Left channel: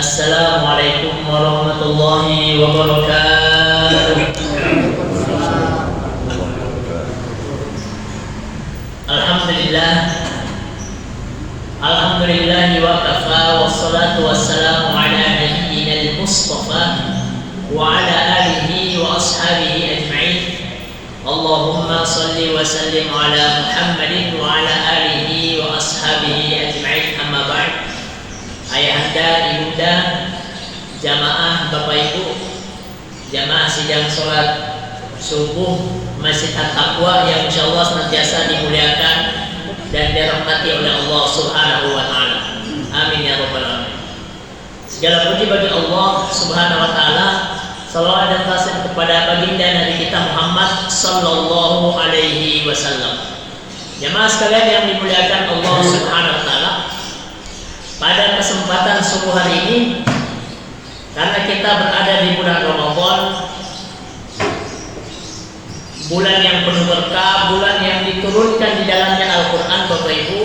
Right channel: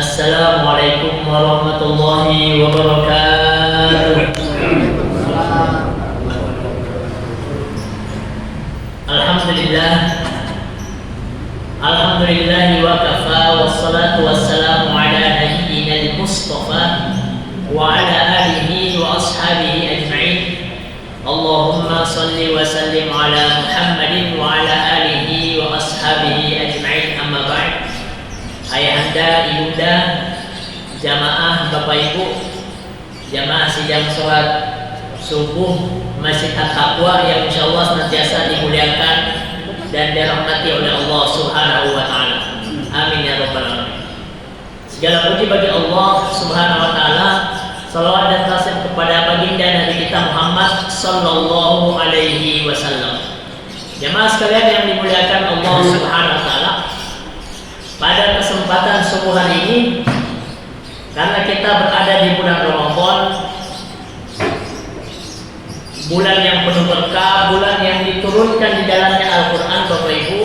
Assalamualaikum warahmatullahi wabarakatuh. Alhamdulillah, alhamdulillahi wa kafa, wassalatu wassalamu ala nabiyyina al-mustafa wa ala alihi wa ashabihi ajma'in. Allahumma salli wa sallim ala Muhammadin wa ala alihi wa ashabihi ajma'in. Amma ba'd. Ayahanda, ibunda, jamaah Bapak Ibu, jamaah sidang sholat subuh Masjid At-Taqwa yang insyaallah senantiasa dimuliakan dan dirahmati oleh Allah Subhanahu wa taala. Amin ya rabbal alamin. Segala puji bagi Allah Subhanahu wa taala. Salawat dan taslim kepada baginda Nabi kita Muhammad sallallahu alaihi wasallam. Jamaah sekalian yang dimuliakan Allah Subhanahu wa taala, pada kesempatan subuh hari ini, karena kita berada di bulan Ramadan, bulan yang penuh berkah, bulan yang diturunkan di dalamnya Al-Quran, Bapak Ibu,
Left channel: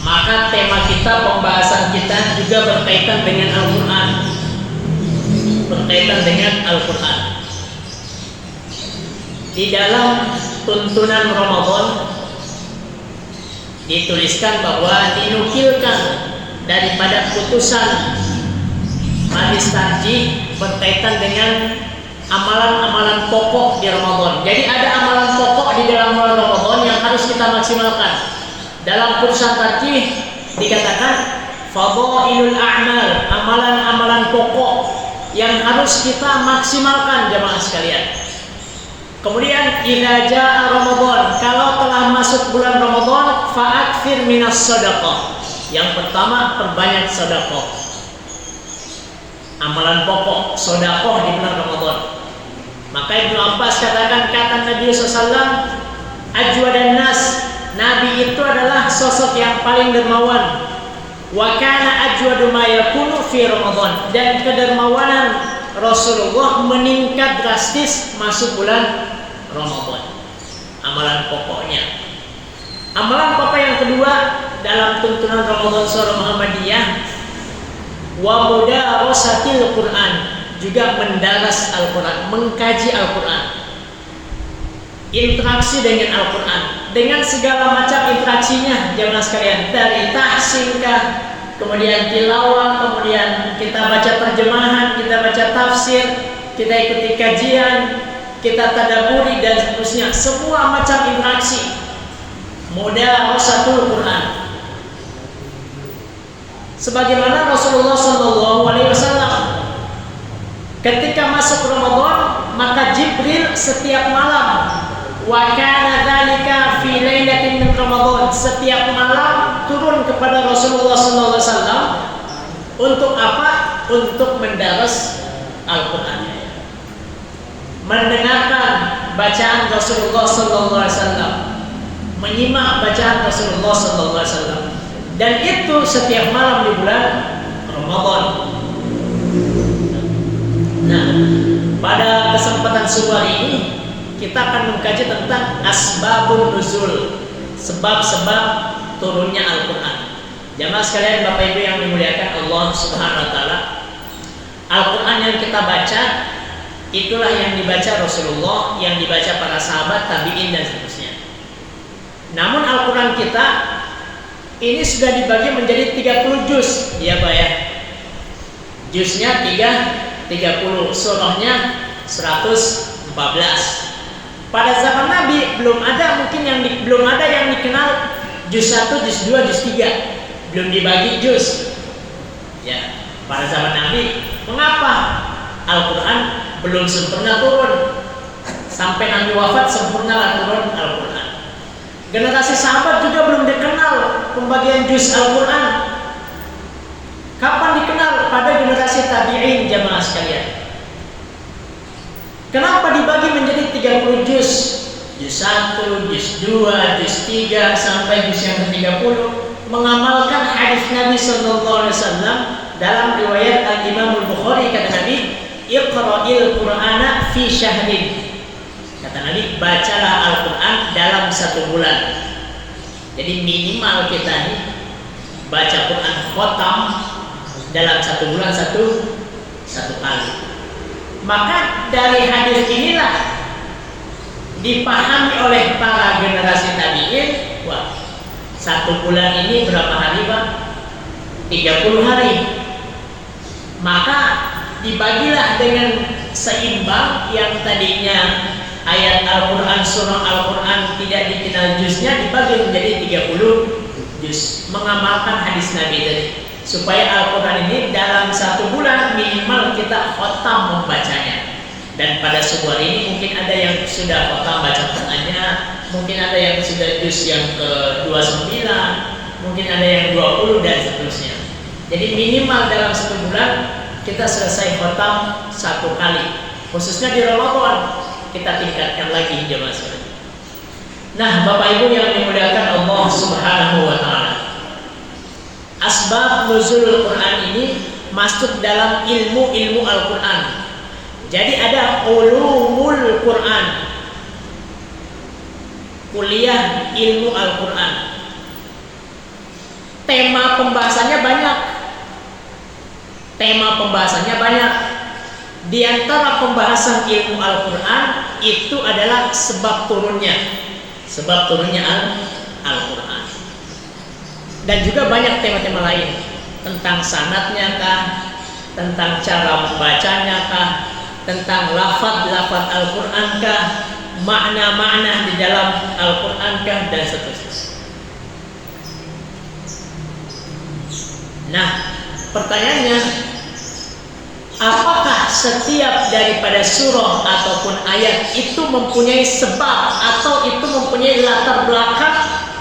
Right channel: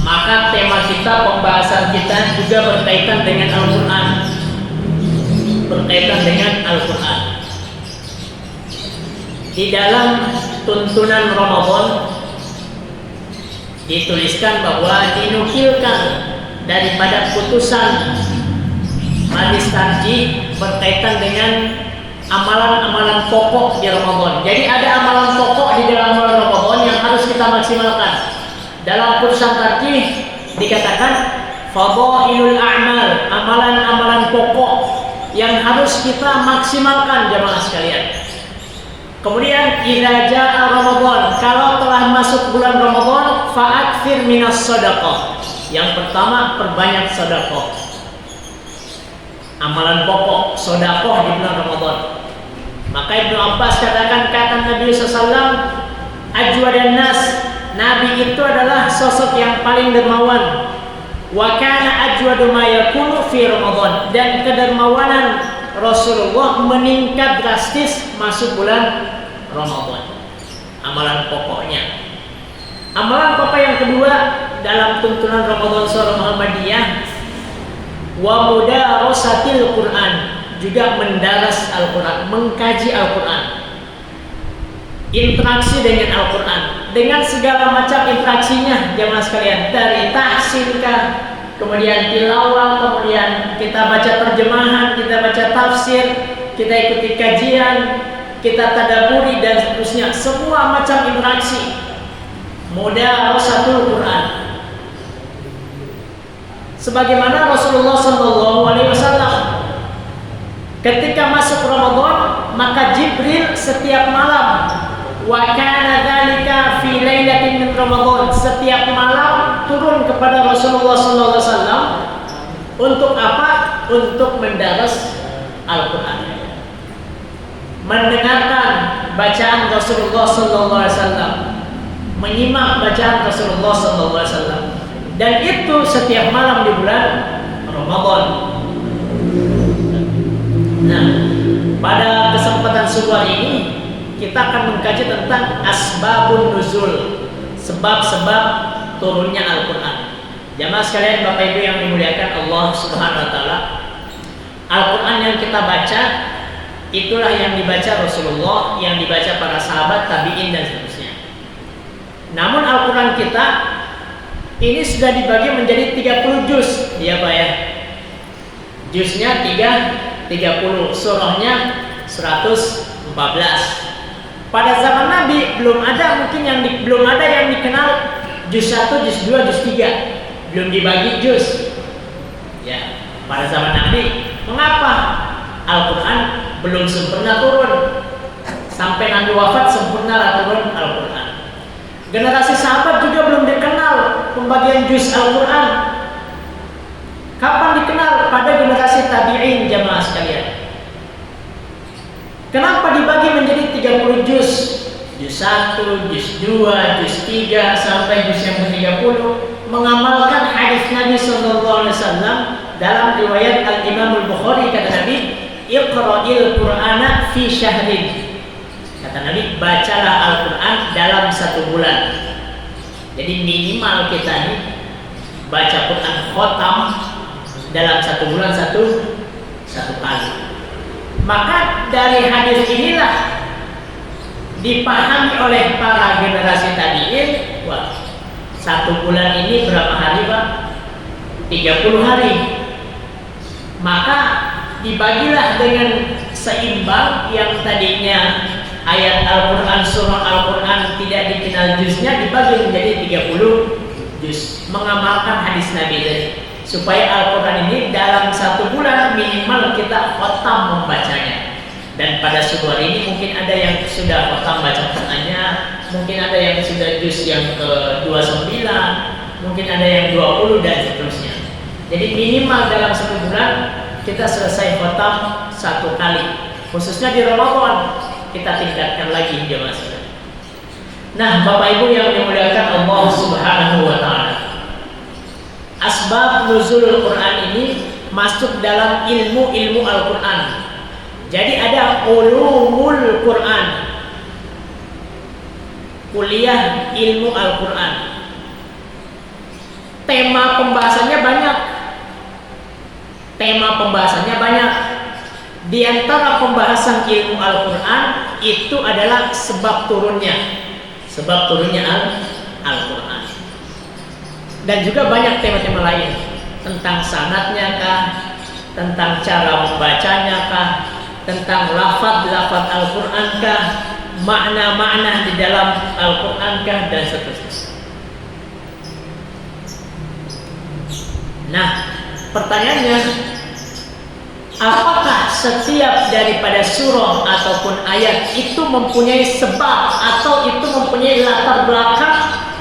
maka tema kita, pembahasan kita juga berkaitan dengan Al-Quran, berkaitan dengan Al-Quran. Di dalam tuntunan Ramadan dituliskan bahwa dinukilkan daripada putusan majelis tarjih berkaitan dengan amalan-amalan pokok di Ramadan. Jadi ada amalan pokok di dalam bulan Ramadan yang harus kita maksimalkan. Dalam putusan tarjih dikatakan fadhailul a'mal, amalan-amalan pokok yang harus kita maksimalkan jamaah sekalian. Kemudian idza jaa Ramadan, kalau telah masuk bulan Ramadan, fa'aktsir minas shadaqah. Yang pertama, perbanyak sedekah. Amalan pokok sedekah di bulan Ramadan. Maka Ibnu Abbas katakan, kata Nabi SAW, ajwadan nas, Nabi itu adalah sosok yang paling dermawan. Wa kana ajwadu ma yakunu fi Ramadan, dan kedermawanan Rasulullah meningkat drastis masuk bulan Ramadan. Amalan pokoknya. Amalan pokok yang kedua dalam tuntunan Ramadan Surah Muhammadiyah, wa mudarasatil Quran, juga mendaras Al-Quran, mengkaji Al-Quran, interaksi dengan Al-Quran, dengan segala macam interaksinya jamaah sekalian, dari tahsinkah, kemudian tilawah, kemudian kita baca terjemahan, kita baca tafsir, kita ikuti kajian, kita tadabburi dan seterusnya, semua macam interaksi. Mudarasatul Quran. Sebagaimana Rasulullah sallallahu alaihi wasallam ketika masuk Ramadan, maka Jibril setiap malam, wa kana dzalika fi lailatin min Ramadan, setiap malam turun kepada Rasulullah sallallahu alaihi wasallam untuk apa? Untuk mendaras Al-Quran, mendengarkan bacaan Rasulullah sallallahu alaihi wasallam, menyimak bacaan Rasulullah sallallahu alaihi wasallam, dan itu setiap malam di bulan Ramadan. Nah, pada kesempatan subuh hari ini kita akan mengkaji tentang asbabun nuzul, sebab-sebab turunnya Al-Quran. Jamaah sekalian, Bapak Ibu yang dimuliakan Allah Subhanahu wa taala, Al-Quran yang kita baca itulah yang dibaca Rasulullah, yang dibaca para sahabat, tabi'in dan seterusnya. Namun Al-Quran kita ini sudah dibagi menjadi 30 juz, ya Pak ya. Juznya 30, surahnya 114. Pada zaman Nabi belum ada yang dikenal juz 1, juz 2, juz 3. Belum dibagi juz. Ya, pada zaman Nabi. Mengapa? Al-Quran belum sempurna turun. Sampai Nabi wafat sempurnalah turun Al-Quran. Generasi sahabat juga belum dikenal pembagian juz Al-Quran. Kapan dikenal? Pada generasi tabi'in jamaah sekalian. Kenapa dibagi menjadi 30 juz? Juz 1, juz 2, juz 3 sampai juz yang ke-30, mengamalkan hadis Nabi sallallahu alaihi wasallam dalam riwayat Al-Imam Al-Bukhari, kata Nabi, Iqra'il Qur'ana fi syahrin. Kata Nabi, bacalah Al-Quran dalam 1 bulan. Jadi minimal kita nih baca Quran khotam dalam satu bulan satu kali. Maka dari hadis inilah dipahami oleh para generasi tabi'in, wah, satu bulan ini berapa hari Pak? 30 hari. Maka dibagilah dengan seimbang, yang tadinya ayat Al-Quran, surah Al-Quran tidak dikenal juznya, dibagi menjadi 30 juz. Mengamalkan hadis Nabi tadi, supaya Al-Quran ini dalam satu bulan minimal kita khatam membacanya. Dan pada subuh hari ini mungkin ada yang sudah khatam baca Qurannya, mungkin ada yang sudah juz yang ke-29, mungkin ada yang 20 dan seterusnya. Jadi minimal dalam satu bulan kita selesai khatam satu kali. Khususnya di Ramadan kita tingkatkan lagi jemaah sekalian. Nah, Bapak Ibu yang dimuliakan Allah Subhanahu wa taala, asbab nuzulul Quran ini masuk dalam ilmu Al-Quran. Jadi ada ulumul Quran, kuliah ilmu Al-Quran. Tema pembahasannya banyak. Di antara pembahasan ilmu Al-Quran itu adalah sebab turunnya Al-Quran. Dan juga banyak tema-tema lain, tentang sanadnya kah, tentang cara membacanya kah, tentang lafaz-lafaz Al-Quran kah, makna-makna di dalam Al-Quran kah, dan seterusnya. Nah, pertanyaannya, apakah setiap daripada surah ataupun ayat itu mempunyai sebab atau itu mempunyai latar belakang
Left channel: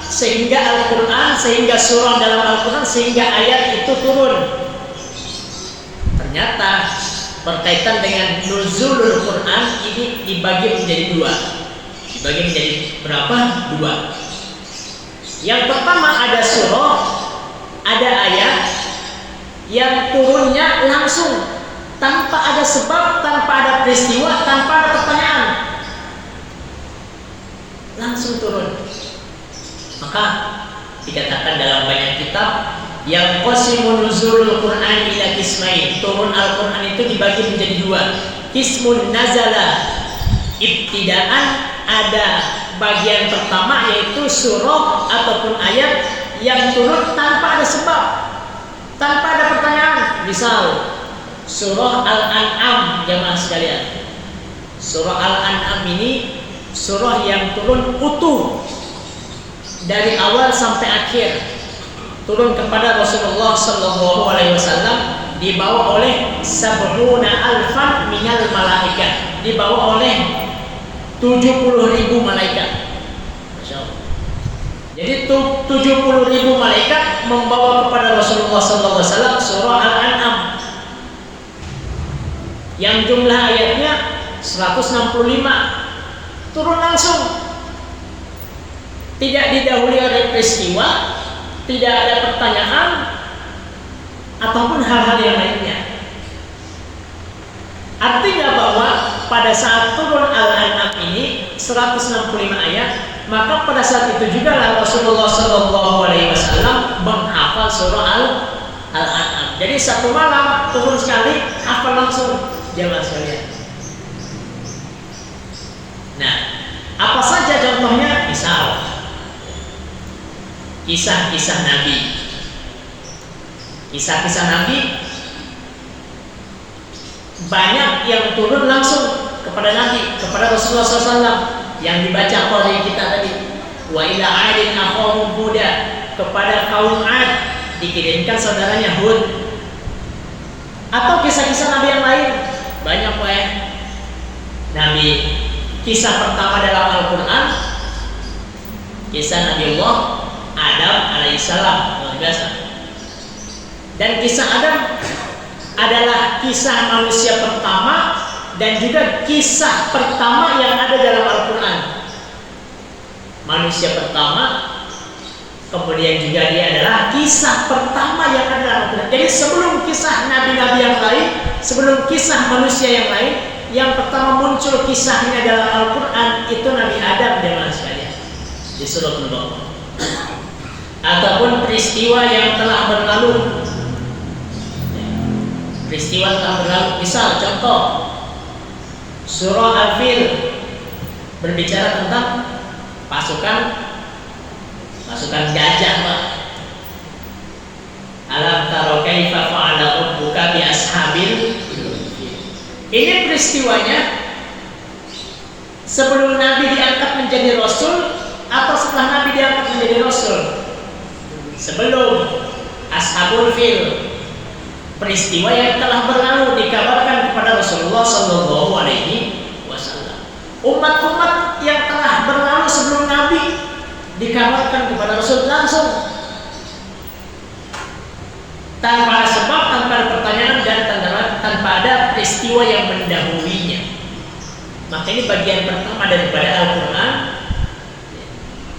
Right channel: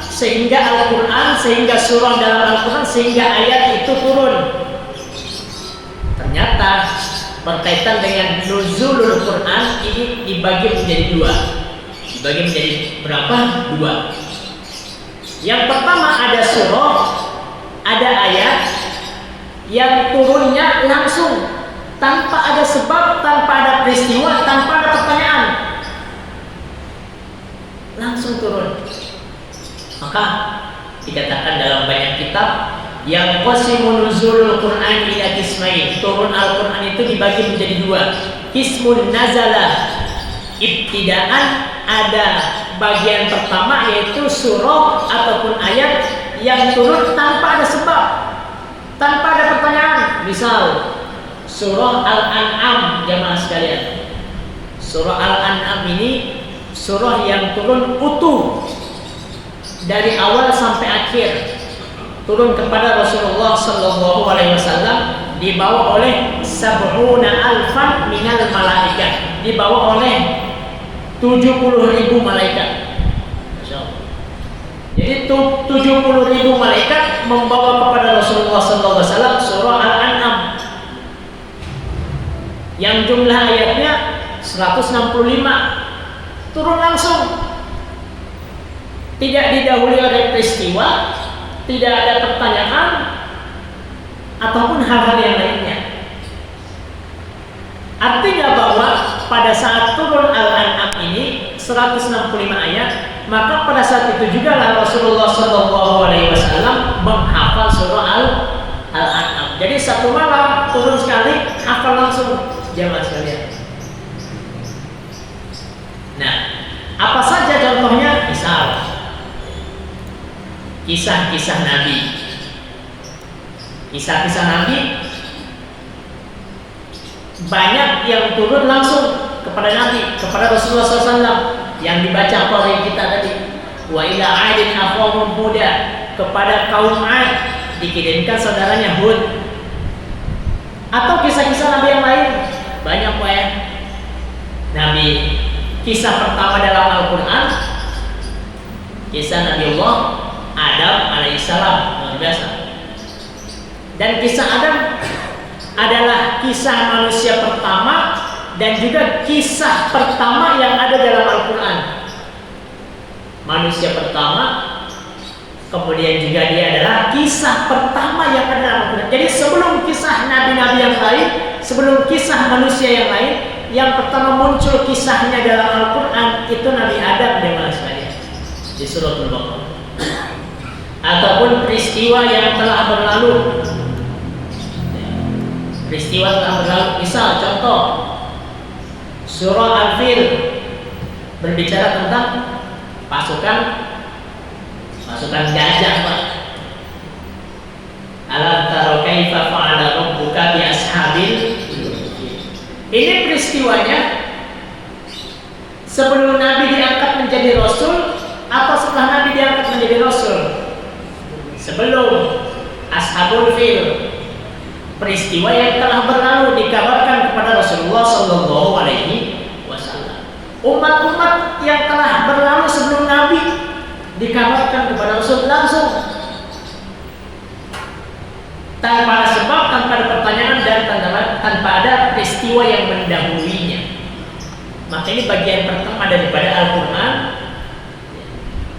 sehingga Al-Quran, sehingga surah dalam Al-Quran, sehingga ayat itu turun? Ternyata berkaitan dengan nuzulul Quran ini dibagi menjadi dua. Dibagi menjadi berapa? Dua. Yang pertama ada surah, ada ayat yang turunnya langsung, tanpa ada sebab, tanpa ada peristiwa, tanpa ada pertanyaan, langsung turun. Maka dikatakan dalam banyak kitab, yang qasimun nuzulul Quran ila qismain, turun Al-Quran itu dibagi menjadi dua. Qismun nazala ibtidaan, ada bagian pertama yaitu surah ataupun ayat yang turun tanpa ada sebab, tanpa ada pertanyaan. Misal surah Al-An'am, jamaah sekalian. Surah Al-An'am ini surah yang turun utuh dari awal sampai akhir, turun kepada Rasulullah sallallahu alaihi wasallam, dibawa oleh sab'una alfan minal malaikat, dibawa oleh 70.000 malaikat. Masya Allah. Jadi 70.000 malaikat membawa kepada Rasulullah sallallahu alaihi wasallam surah Al-An'am yang jumlah ayatnya 165, turun langsung, tidak didahului oleh peristiwa, tidak ada pertanyaan ataupun hal-hal yang lainnya. Artinya bahwa pada saat turun Al-An'am ini 165 ayat, maka pada saat itu juga Rasulullah sallallahu alaihi wasallam menghafal surah Al-An'am. Jadi satu malam turun sekali, hafal langsung jamaah sekalian. Nah, apa saja contohnya? Misal kisah-kisah Nabi. Kisah-kisah Nabi banyak yang turun langsung kepada Nabi, kepada Rasulullah SAW, yang dibaca oleh kita tadi. Wa ila 'adin akhahum Huda, kepada kaum 'Ad dikirimkan saudaranya Hud. Atau kisah-kisah Nabi yang lain banyak Pak ya. Nabi, kisah pertama dalam Al-Quran, kisah Nabiullah Adam alaihissalam, luar biasa. Dan kisah Adam adalah kisah manusia pertama dan juga kisah pertama yang ada dalam Al-Quran. Manusia pertama, kemudian juga dia adalah kisah pertama yang ada dalam Al-Quran. Jadi sebelum kisah nabi-nabi yang lain, sebelum kisah manusia yang lain, yang pertama muncul kisahnya dalam Al-Quran itu Nabi Adam, jemaah sekalian, di Suratul Baqarah. Ataupun peristiwa yang telah berlalu, peristiwa telah berlalu. Misal contoh surah Al-Fil berbicara tentang pasukan gajah, Pak. Alam taro kaifa fa'ala rabbuka bi ashabil. Ini peristiwanya sebelum Nabi diangkat menjadi Rasul atau setelah Nabi diangkat menjadi Rasul? Sebelum. Ashabul Fil, peristiwa yang telah berlalu dikabarkan kepada Rasulullah Sallallahu Alaihi Wasallam. Umat-umat yang telah berlalu sebelum Nabi dikabarkan kepada Rasul langsung, tanpa ada sebab, tanpa ada pertanyaan, dan tanpa ada peristiwa yang mendahuluinya. Maka ini bagian pertama daripada Al-Quran.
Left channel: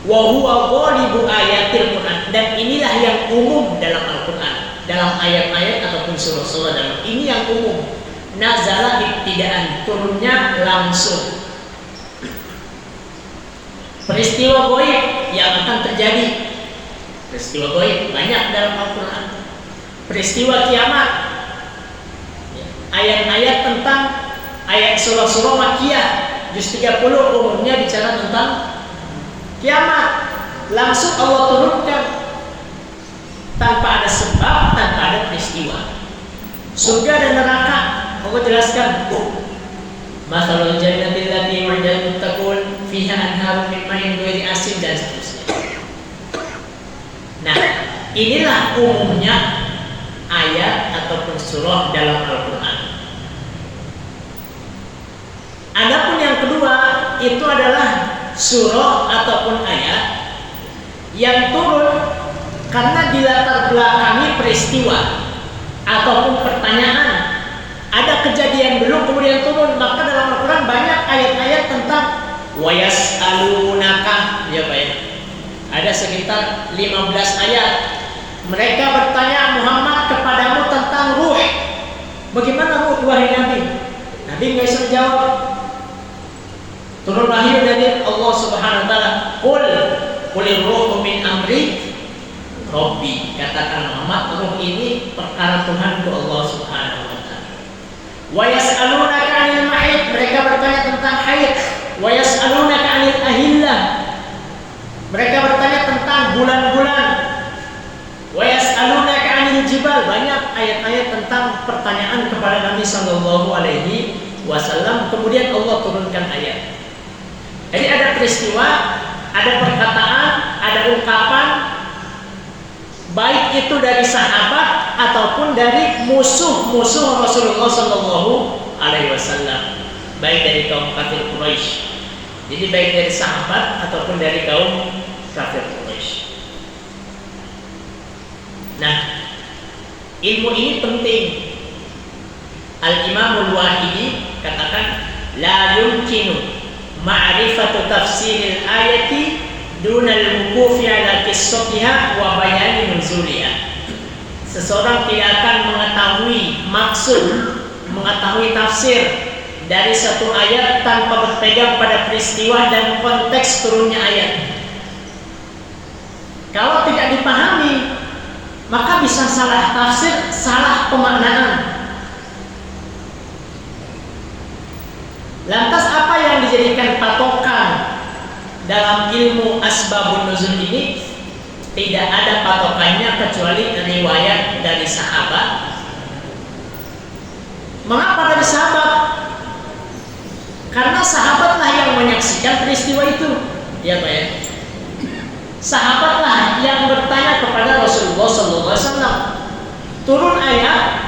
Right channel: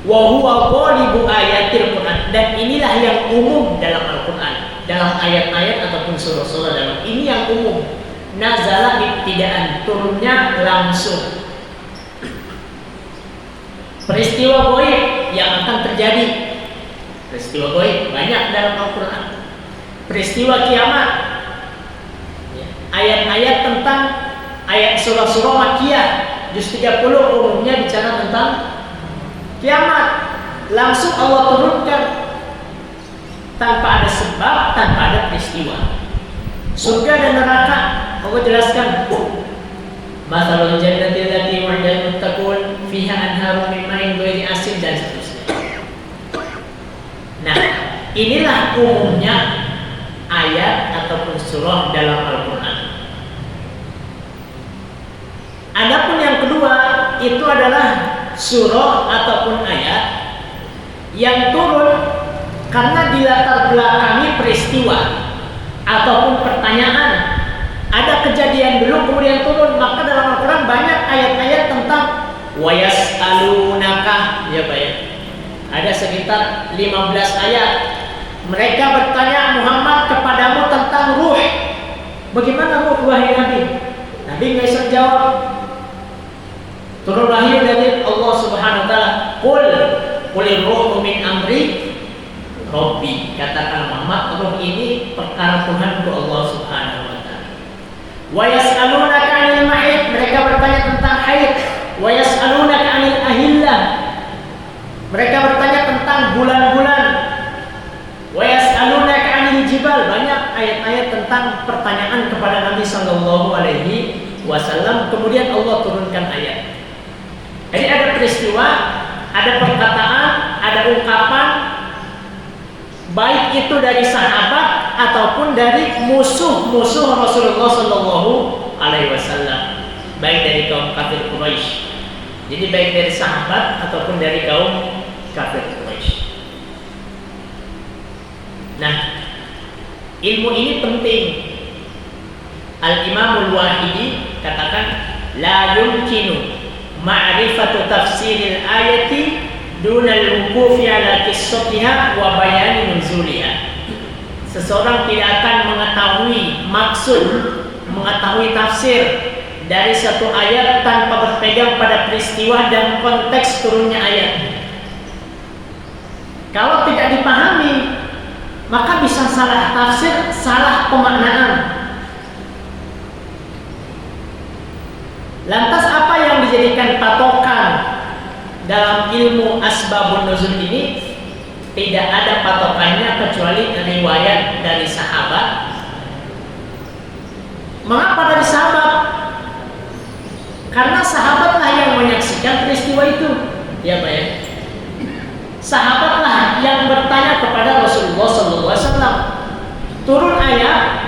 Wa huwa ghalibu ayatil Quran, dan inilah yang umum dalam Al-Quran, dalam ayat-ayat ataupun surah-surah dalam ini yang umum. Nazala ibtidaan, turunnya langsung. Peristiwa gaib yang akan terjadi, peristiwa gaib banyak dalam Al-Quran. Peristiwa kiamat, ayat-ayat tentang ayat surah-surah Makkiyah juz 30 umumnya bicara tentang kiamat, langsung Allah turunkan tanpa ada sebab, tanpa ada peristiwa. Surga dan neraka Allah jelaskan. Mathalul jannati allati wa'idal muttaqun fiha anharun min ma'in ghairi asin, dan seterusnya. Nah, inilah umumnya ayat ataupun surah dalam Al-Quran. Adapun yang kedua itu adalah surah ataupun ayat yang turun karena dilatar belakangi peristiwa ataupun pertanyaan. Ada kejadian dulu kemudian turun. Maka dalam Al-Quran banyak ayat-ayat tentang wayas'alunaka, ya Pak ya. Ada sekitar 15 ayat. Mereka bertanya Muhammad kepadamu tentang ruh. Bagaimana ruh, wahai Nabi? Nabi nggak bisa jawab. Turun wahyu dari Allah Subhanahu wa taala. Qulir ruhu min amri Rabbi. Katakan Muhammad, ruh ini perkara Tuhanku Allah Subhanahu wa taala. Wa yas'alunaka 'anil mahid, mereka bertanya tentang haid. Wa yas'alunaka 'anil ahillah, mereka bertanya tentang bulan-bulan. Wa yas'alunaka 'anil jibal, banyak ayat-ayat tentang pertanyaan kepada Nabi sallallahu alaihi wasallam. Kemudian Allah turunkan ayat. Jadi ada peristiwa, ada perkataan, ada ungkapan, baik itu dari sahabat ataupun dari musuh-musuh Rasulullah Sallallahu Alaihi Wasallam, baik dari kaum kafir Quraisy. Jadi baik dari sahabat ataupun dari kaum kafir Quraisy. Nah, ilmu ini penting. Al-Imamul Wahidi katakan, la yumkinu ma'rifatu tafsiril ayati dunal wuqufi ala qissatiha wa bayani nuzuliha. Seseorang tidak akan mengetahui maksud, mengetahui tafsir dari satu ayat tanpa berpegang pada peristiwa dan konteks turunnya ayat. Kalau tidak dipahami, maka bisa salah tafsir, salah pemaknaan. Lantas apa yang dijadikan patokan dalam ilmu asbabun nuzul ini? Tidak ada patokannya kecuali riwayat dari sahabat. Mengapa dari sahabat? Karena sahabatlah yang menyaksikan peristiwa itu, ya Pak ya. Sahabatlah yang bertanya kepada Rasulullah SAW. Turun ayat,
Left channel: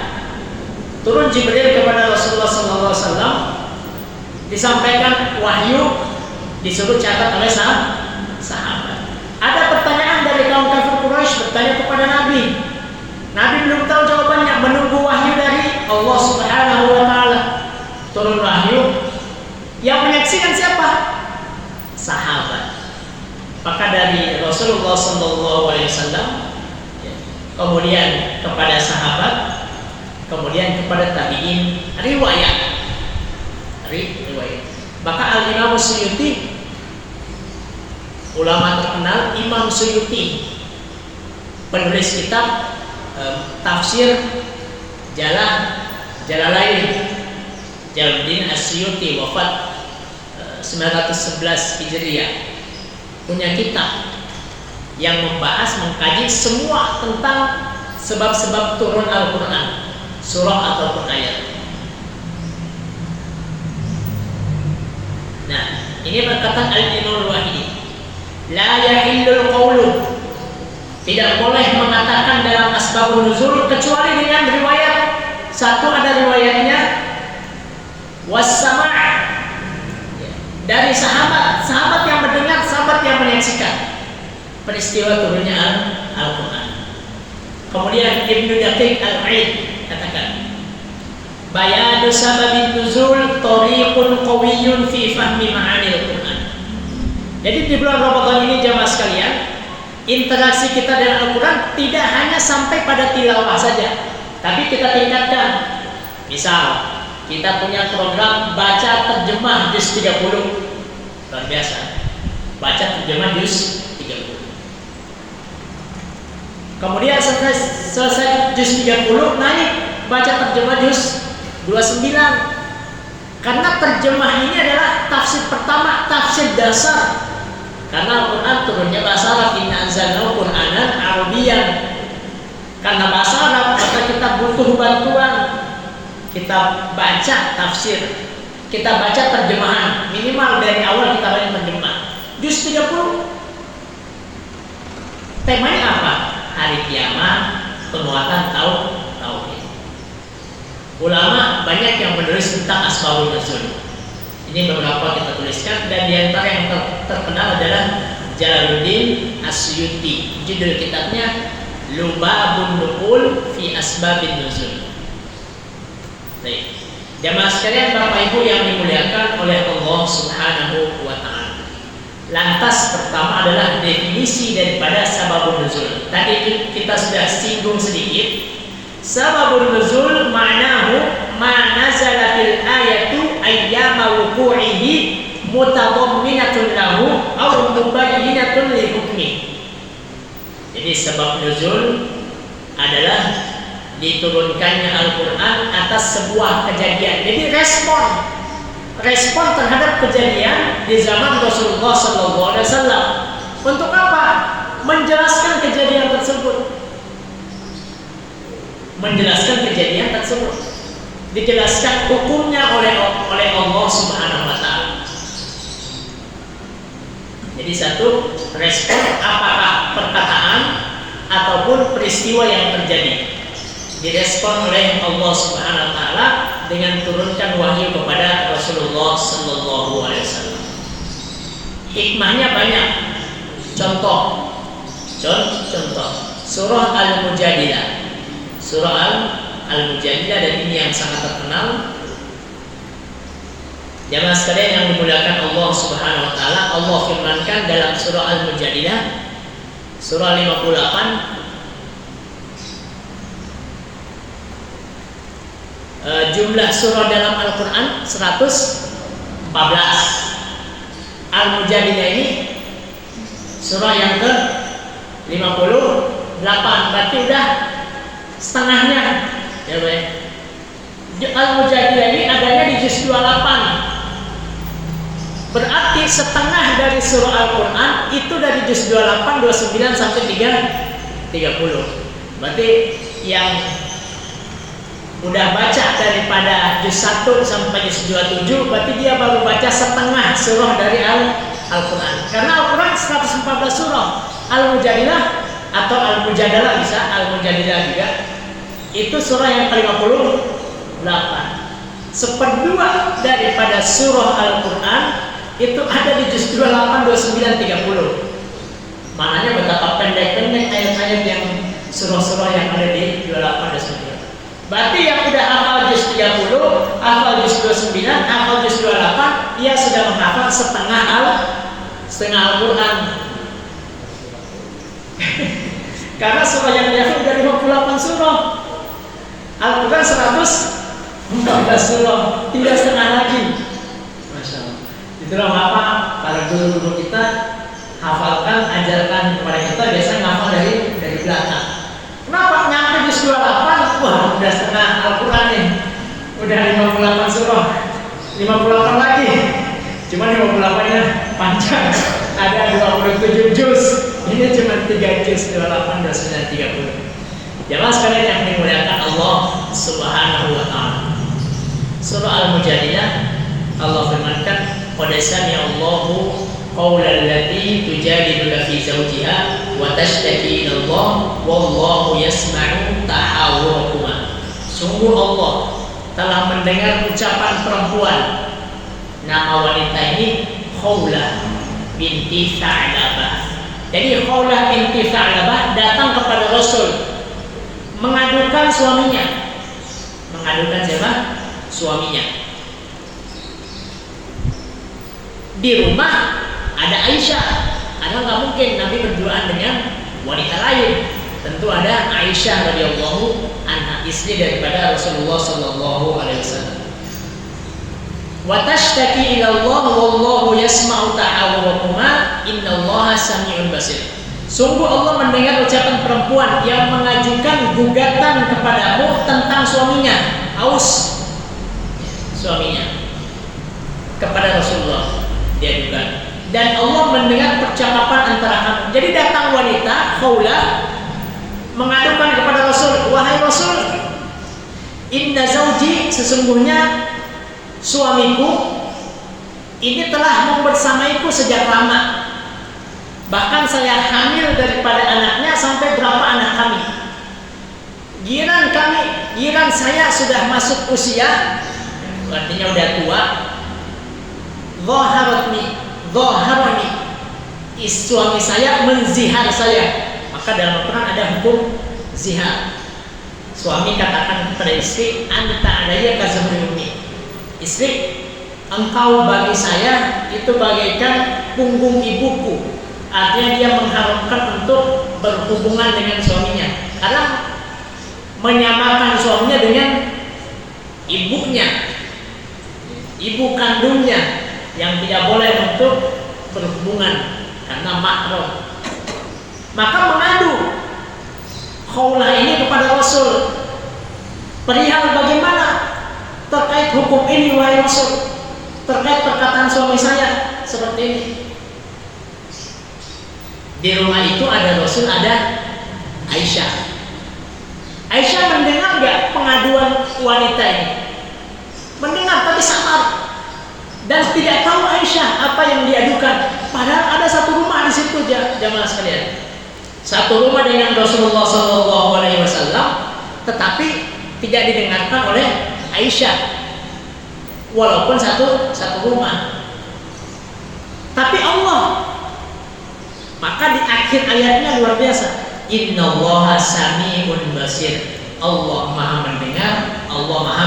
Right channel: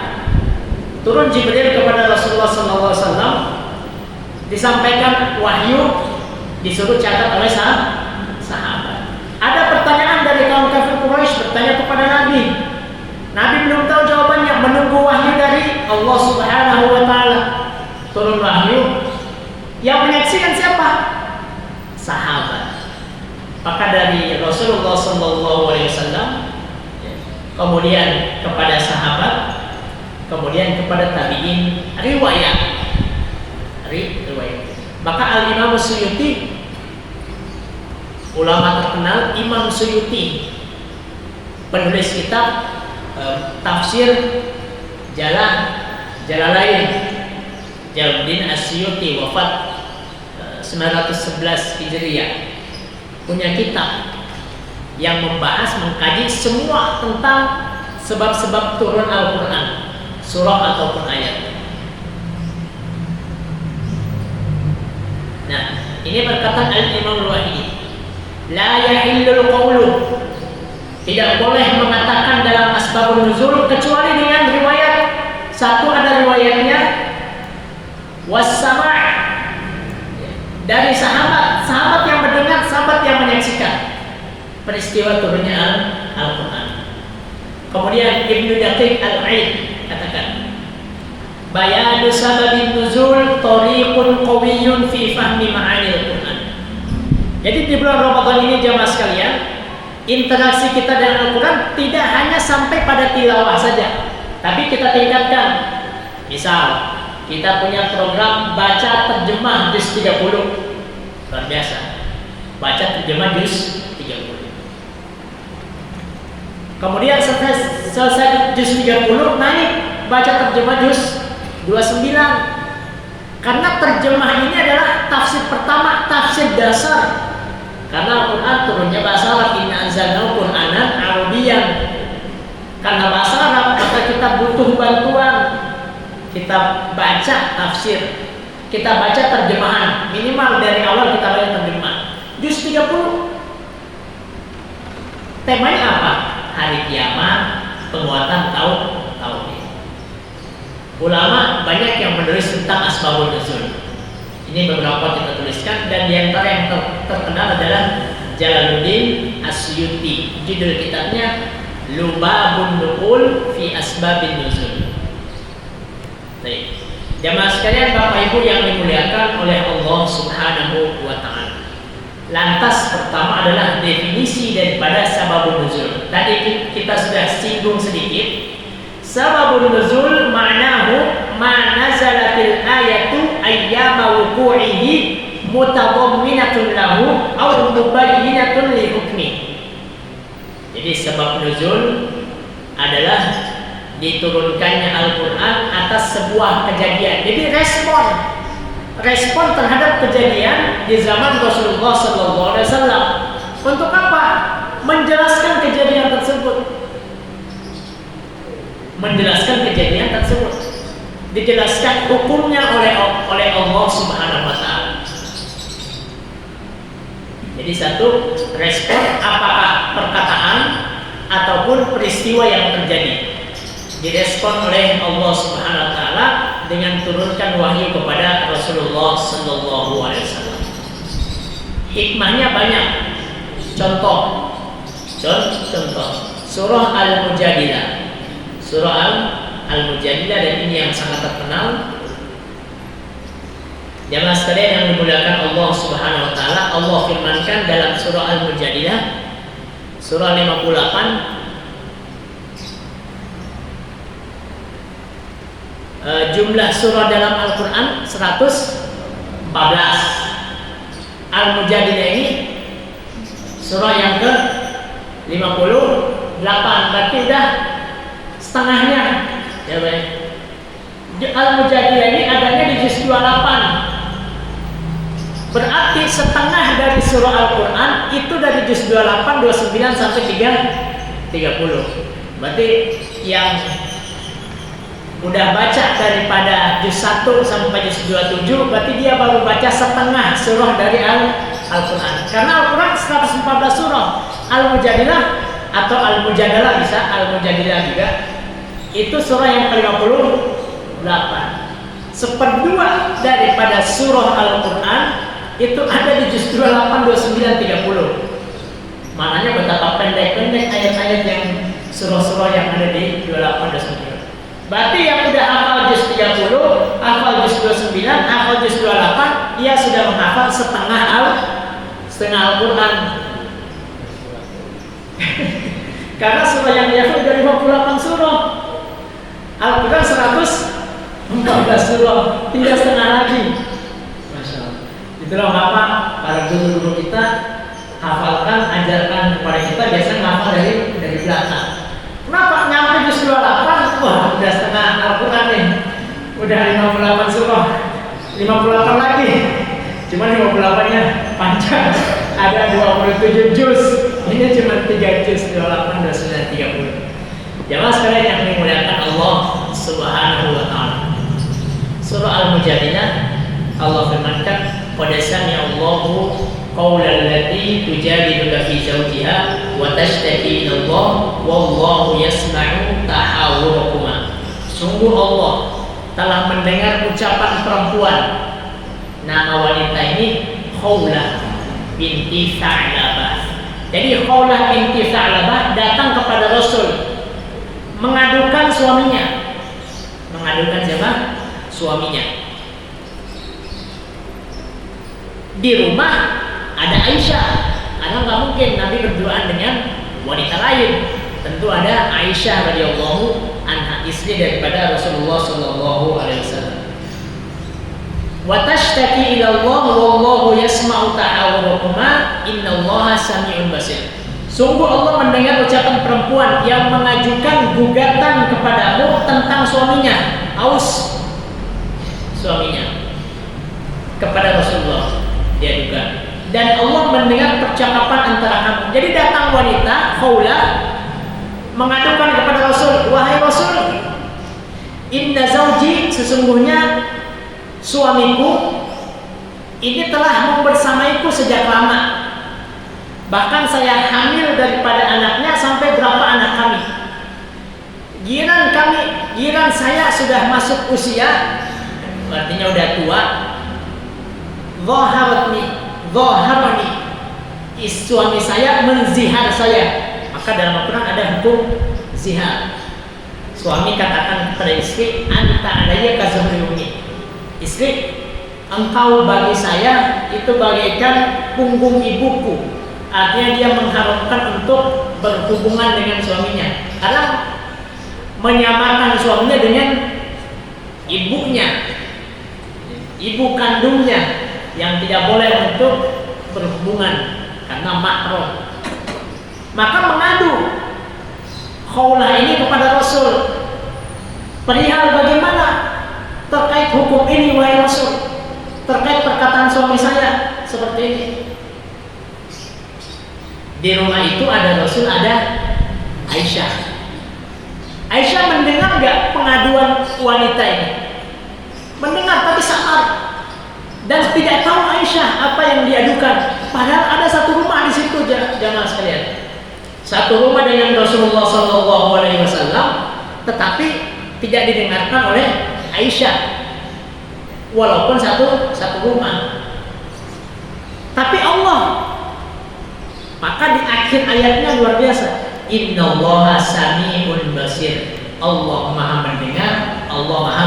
turun Jibril kepada Rasulullah SAW, disampaikan wahyu, disuruh catat oleh sahabat. Ada pertanyaan dari kaum kafir Quraisy bertanya kepada Nabi. Nabi belum tahu jawabannya, menunggu wahyu dari Allah Subhanahu wa taala. Turun wahyu. Yang menyaksikan siapa? Sahabat. Maka dari Rasulullah sallallahu alaihi wasallam, kemudian kepada sahabat, kemudian kepada tabi'in, riwayat. Maka Al-Imam Suyuti, ulama terkenal, Imam Suyuti, penulis kitab tafsir Jalan Jalalain Jalaluddin Asyuti wafat 911 Hijriah, punya kitab yang membahas, mengkaji semua tentang sebab-sebab turun Al-Quran, surah ataupun ayat. Nah, ini perkataan Al-Imam Al-Wahidi, la yahillul qawlu, tidak boleh mengatakan dalam asbabun nuzul kecuali dengan riwayat. Satu, ada riwayatnya was-sama' dari sahabat yang mendengar, sahabat yang menyaksikan peristiwa turunnya Al-Quran. Kemudian Ibnu Daqiq Al-Aid katakan, bayanu sababin nuzul tariqun qawiyyun fi fahmi ma'anil Quran. Jadi di bulan Ramadan ini jamaah sekalian, interaksi kita dengan Al-Quran tidak hanya sampai pada tilawah saja, tapi kita tingkatkan. Misal kita punya program baca terjemah juz 30, luar biasa. Baca terjemah juz 30. Kemudian selesai juz 30 naik baca terjemah juz 29. Karena terjemah ini adalah tafsir pertama, tafsir dasar. Karena Al-Quran turunnya bahasa Arab, inna anzalnahu Qur'anan Arabiyyan. Karena bahasa Arab, maka kita butuh bantuan. Kita baca tafsir, kita baca terjemahan, minimal dari awal kita baca terjemah. Juz 30 temanya apa? Hari kiamat, penguatan tauhid. Ulama banyak yang menulis tentang asbabun nuzul. Ini beberapa kita tuliskan, dan diantara yang terkenal adalah Jalaluddin Asyuti. Judul kitabnya Lubabun Nuqul fi Asbabin Nuzul. Baik, jamaah sekalian, Bapak Ibu yang dimuliakan oleh Allah Subhanahu wa Ta'ala. Lantas pertama adalah definisi daripada sababun nuzul. Tadi kita sudah singgung sedikit. Sababun nuzul ma'nahu ma nazalatil ayatu ayyama wuqu'ihi mutadamminatun lahu aw mubayyinatun li hukmi. Jadi sebab nuzul adalah diturunkannya Al-Quran atas sebuah kejadian. Jadi respon terhadap kejadian di zaman Rasulullah SAW. Untuk apa? Menjelaskan kejadian tersebut. Dijelaskan hukumnya oleh Allah Subhanahu wa Ta'ala. Jadi satu, respon apakah perkataan ataupun peristiwa yang terjadi, direspon oleh Allah Subhanahu wa Ta'ala dengan turunkan wahyu kepada Rasulullah sallallahu alaihi wasallam. Hikmahnya banyak. Contoh surah Al-Mujadilah. Surah Al-Mujadilah, dan ini yang sangat terkenal. Jamaah sekalian yang dimuliakan Allah Subhanahu wa Ta'ala, Allah firmankan dalam surah Al-Mujadilah surah 58, jumlah surah dalam Al-Quran 114. Al-Mujadilah ini surah yang ke 58, berarti udah setengahnya, ya baik. Al-Mujadilah ini adanya di juz 28. Berarti setengah dari surah Al-Quran itu dari juz 28, 29 sampai 30. Berarti yang udah baca daripada juz 1 sampai juz 27, berarti dia baru baca setengah surah dari Al-Quran. Karena Al-Quran 114 surah. Al-Mujadilah atau Al-Mujadalah bisa, Al-Mujadilah juga, itu surah yang ke-58. Seperdua daripada surah Al-Quran itu ada di juz 28, 29, 30. Maknanya betapa pendek-pendek ayat-ayat yang surah-surah yang ada di 28, 29. Berarti yang udah hafal juz 30, hafal juz 29, hafal juz 28, dia sudah menghafal setengah Al-Quran. Karena surah yang dia hafal dari 58 surah. Al-Quran 114 surah, tinggal setengah lagi. Masya Allah. Itulah mengapa para guru-guru kita hafalkan, ajarkan kepada kita biasanya hafal dari belakang. Kenapa? Nyampe juz 28, wah udah setengah Al-Quran nih. Udah 58 surah, 58 lagi. Cuman 58-nya panjang. Ada 27 juz. Ini cuma 3 juz, 28, 29, 30. Jamaah sekalian yang dimuliakan Allah Subhanahu wa taala. Surah Al-Mujadilah Allah firmankan, "Qad sami'a Allahu qaulal lati tujadiluka fi zawjiha wa tashtaki ila Allah wallahu yasma'u tahawurakuma." Sungguh Allah telah mendengar ucapan perempuan. Nama wanita ini Khawlah binti Tha'labah. Jadi Khawlah binti Tha'labah datang kepada Rasul mengadukan suaminya. Mengadukan siapa? Suaminya. Di rumah ada Aisyah. Karena nggak mungkin Nabi berduaan dengan wanita lain. Tentu ada Aisyah radhiyallahu anha, istri daripada Rasulullah sallallahu alaihi wasallam. Wa tashtaki ila Allah wallahu yasma'u tahawurakuma innallaha sami'un basir. Sungguh Allah mendengar ucapan perempuan yang mengajukan gugatan kepadamu tentang suaminya, Aus, suaminya, kepada Rasulullah dia juga. Dan Allah mendengar percakapan antara kamu. Jadi datang wanita Khawlah mengadukan kepada Rasul, "Wahai Rasul, inna zawji, sesungguhnya suamiku ini telah membersamaiku sejak lama. Bahkan saya hamil daripada anaknya sampai berapa anak kami. Giran saya sudah masuk usia, artinya udah tua. Zaharani, suami saya menzihar saya." Maka dalam Al-Quran ada hukum zihar. Suami katakan kepada istri, "Anta alayya ka zuhri ummi." Istri, engkau bagi saya itu bagaikan punggung ibuku. Artinya dia mengharapkan untuk berhubungan dengan suaminya, karena menyamakan suaminya dengan ibunya, ibu kandungnya, yang tidak boleh untuk berhubungan karena mahram. Maka mengadu Khawlah ini kepada Rasul perihal bagaimana terkait hukum ini, wahai Rasul, terkait perkataan suami saya seperti ini. Di rumah itu ada Rasul, ada Aisyah. Aisyah mendengar nggak pengaduan wanita ini? Mendengar tapi samar dan tidak tahu Aisyah apa yang diadukan. Padahal ada satu rumah di situ, jamaah sekalian. Satu rumah dengan Rasulullah Sallallahu Alaihi Wasallam, tetapi tidak didengarkan oleh Aisyah, walaupun satu rumah. Tapi Allah, maka di akhir ayatnya luar biasa. Innallaha sami'un basir. Allah Maha mendengar, Allah Maha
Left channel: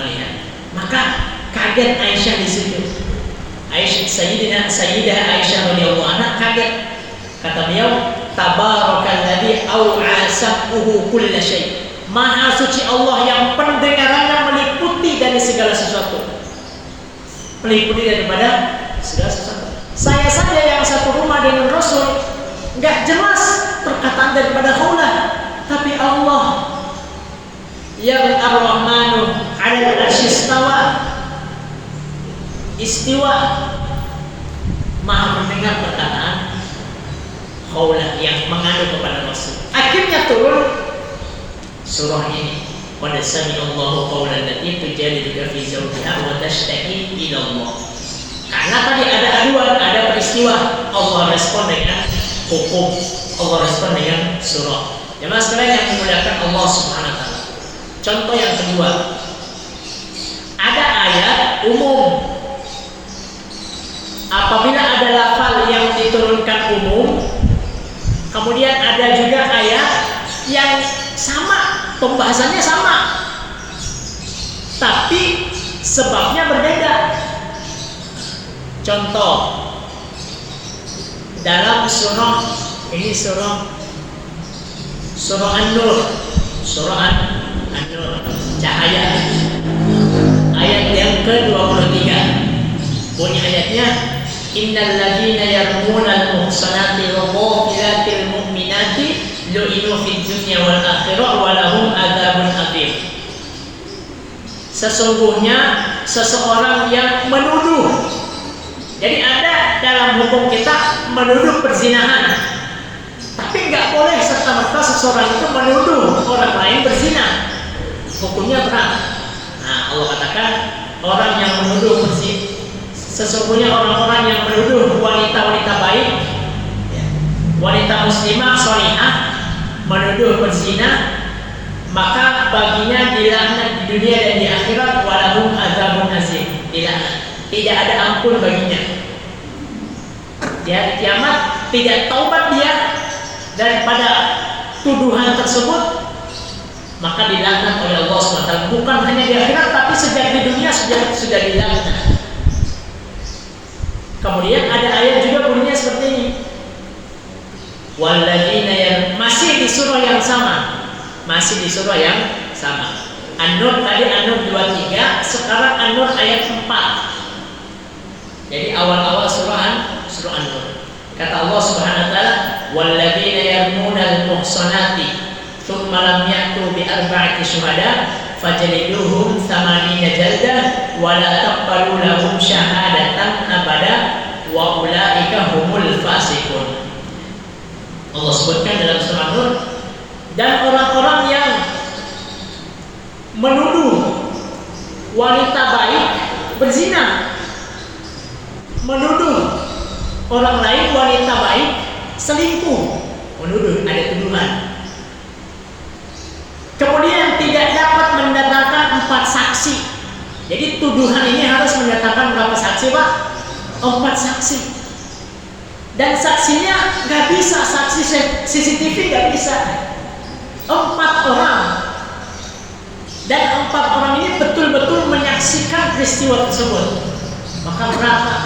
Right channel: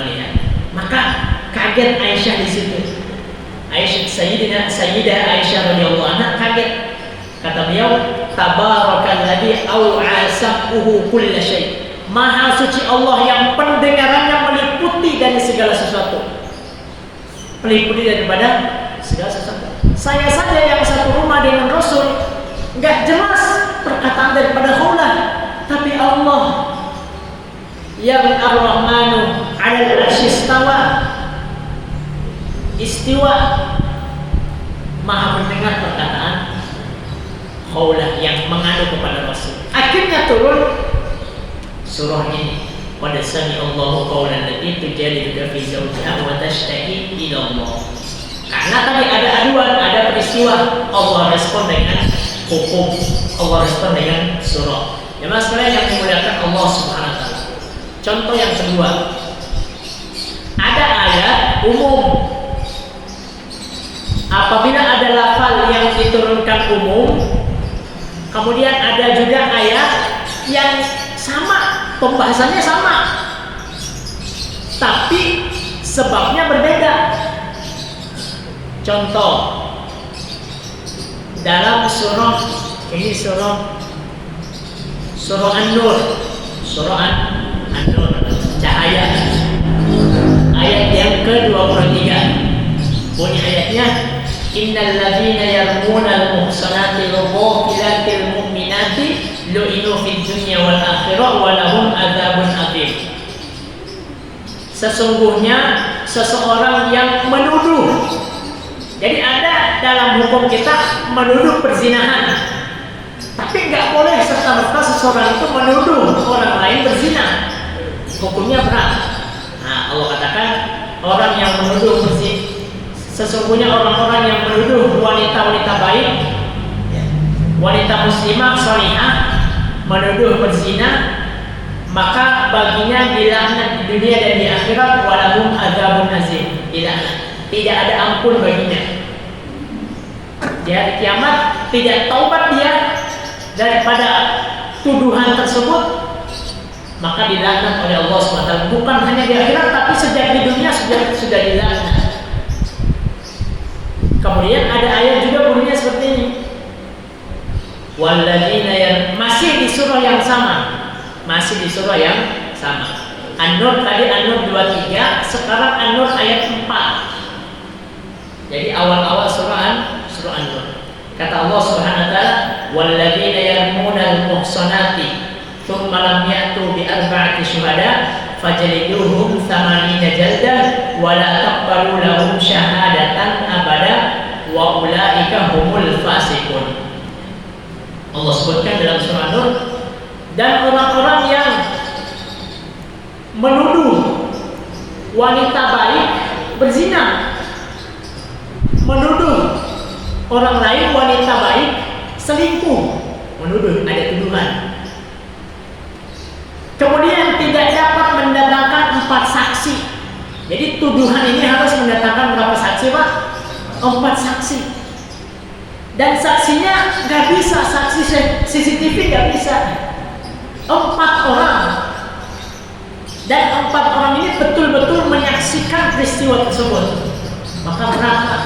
melihat. Maka kaget Aisyah di situ. Sayyidah Aisyah radhiyallahu anha kaget. Kata beliau, "Tabarakalladzi au'a sam'uhu kulla syai." Maha suci Allah yang pendengarannya meliputi dari segala sesuatu. Meliputi daripada segala sesuatu. Saya saja yang satu rumah dengan Rasul, enggak jelas perkataan daripada Khawlah, tapi Allah yang Ar-Rahmanu 'alal 'arsy istiwa, Maha mendengar perkataan Khawlah yang mengadu kepada Rasul. Akhirnya turun surah ini. Qad sami'a Allahu qawlan lati tujadiluka fi zawjiha wa tashtaki ila Allah. Karena tadi ada aduan, ada peristiwa, Allah respon dengan hukum, Allah respon dengan surah. Jemaah sekalian yang dimuliakan Allah Subhanahu wa taala. Contoh yang kedua, ada ayat umum. Apabila ada lafal yang diturunkan umum, kemudian ada juga ayat yang sama, pembahasannya sama, tapi sebabnya berbeda. Contoh, dalam surah ini, surah An-Nur, surah An-Nur, cahaya, ayat yang ke-23. Bunyi ayatnya, "Innal ladzina yarmunal muhsanati ghafiratil mu'minati lu'inu fid dunya wal akhirah wa lahum adzabun adzim." sesungguhnya seseorang yang menuduh. Jadi ada dalam hukum kita menuduh perzinahan, tapi nggak boleh serta-merta seseorang itu menuduh orang lain berzina. Hukumnya berat. Nah, Allah katakan orang yang menuduh berzina, sesungguhnya orang-orang yang menuduh wanita-wanita baik, wanita muslimah salihah menuduh berzina, maka baginya dilaknat di dunia dan di akhirat, walahum adzabun azim, dilaknat, tidak ada ampun baginya. Di hari kiamat tidak taubat dia daripada tuduhan tersebut, maka dilaknat oleh Allah SWT. Bukan hanya di akhirat, tapi sejak di dunia sudah dilaknat. Kemudian ada ayat juga bunyinya seperti ini, walladzina masih di surah yang sama. Masih di surah yang sama. An-Nur tadi An-Nur 23, sekarang An-Nur ayat 4. Jadi awal-awal surah An-Nur. Kata Allah Subhanahu wa taala, walladzina yarmunal muhsanati tsumma lam ya'tu bi arba'ati syuhada fajliduhum 80 jaldah wa la taqbalu lahum syahadatan abada wa ulaika humul fasiqun. Allah sebutkan dalam surah An-Nur, dan orang-orang yang menuduh wanita baik berzina, menuduh orang lain wanita baik selingkuh, menuduh, ada tuduhan. Kemudian tidak dapat mendatangkan 4 saksi. Jadi tuduhan ini harus mendatangkan berapa saksi, Pak? 4 saksi. Dan saksinya nggak bisa, saksi CCTV nggak bisa. 4 orang, dan 4 orang ini betul-betul menyaksikan peristiwa tersebut. Maka berapa?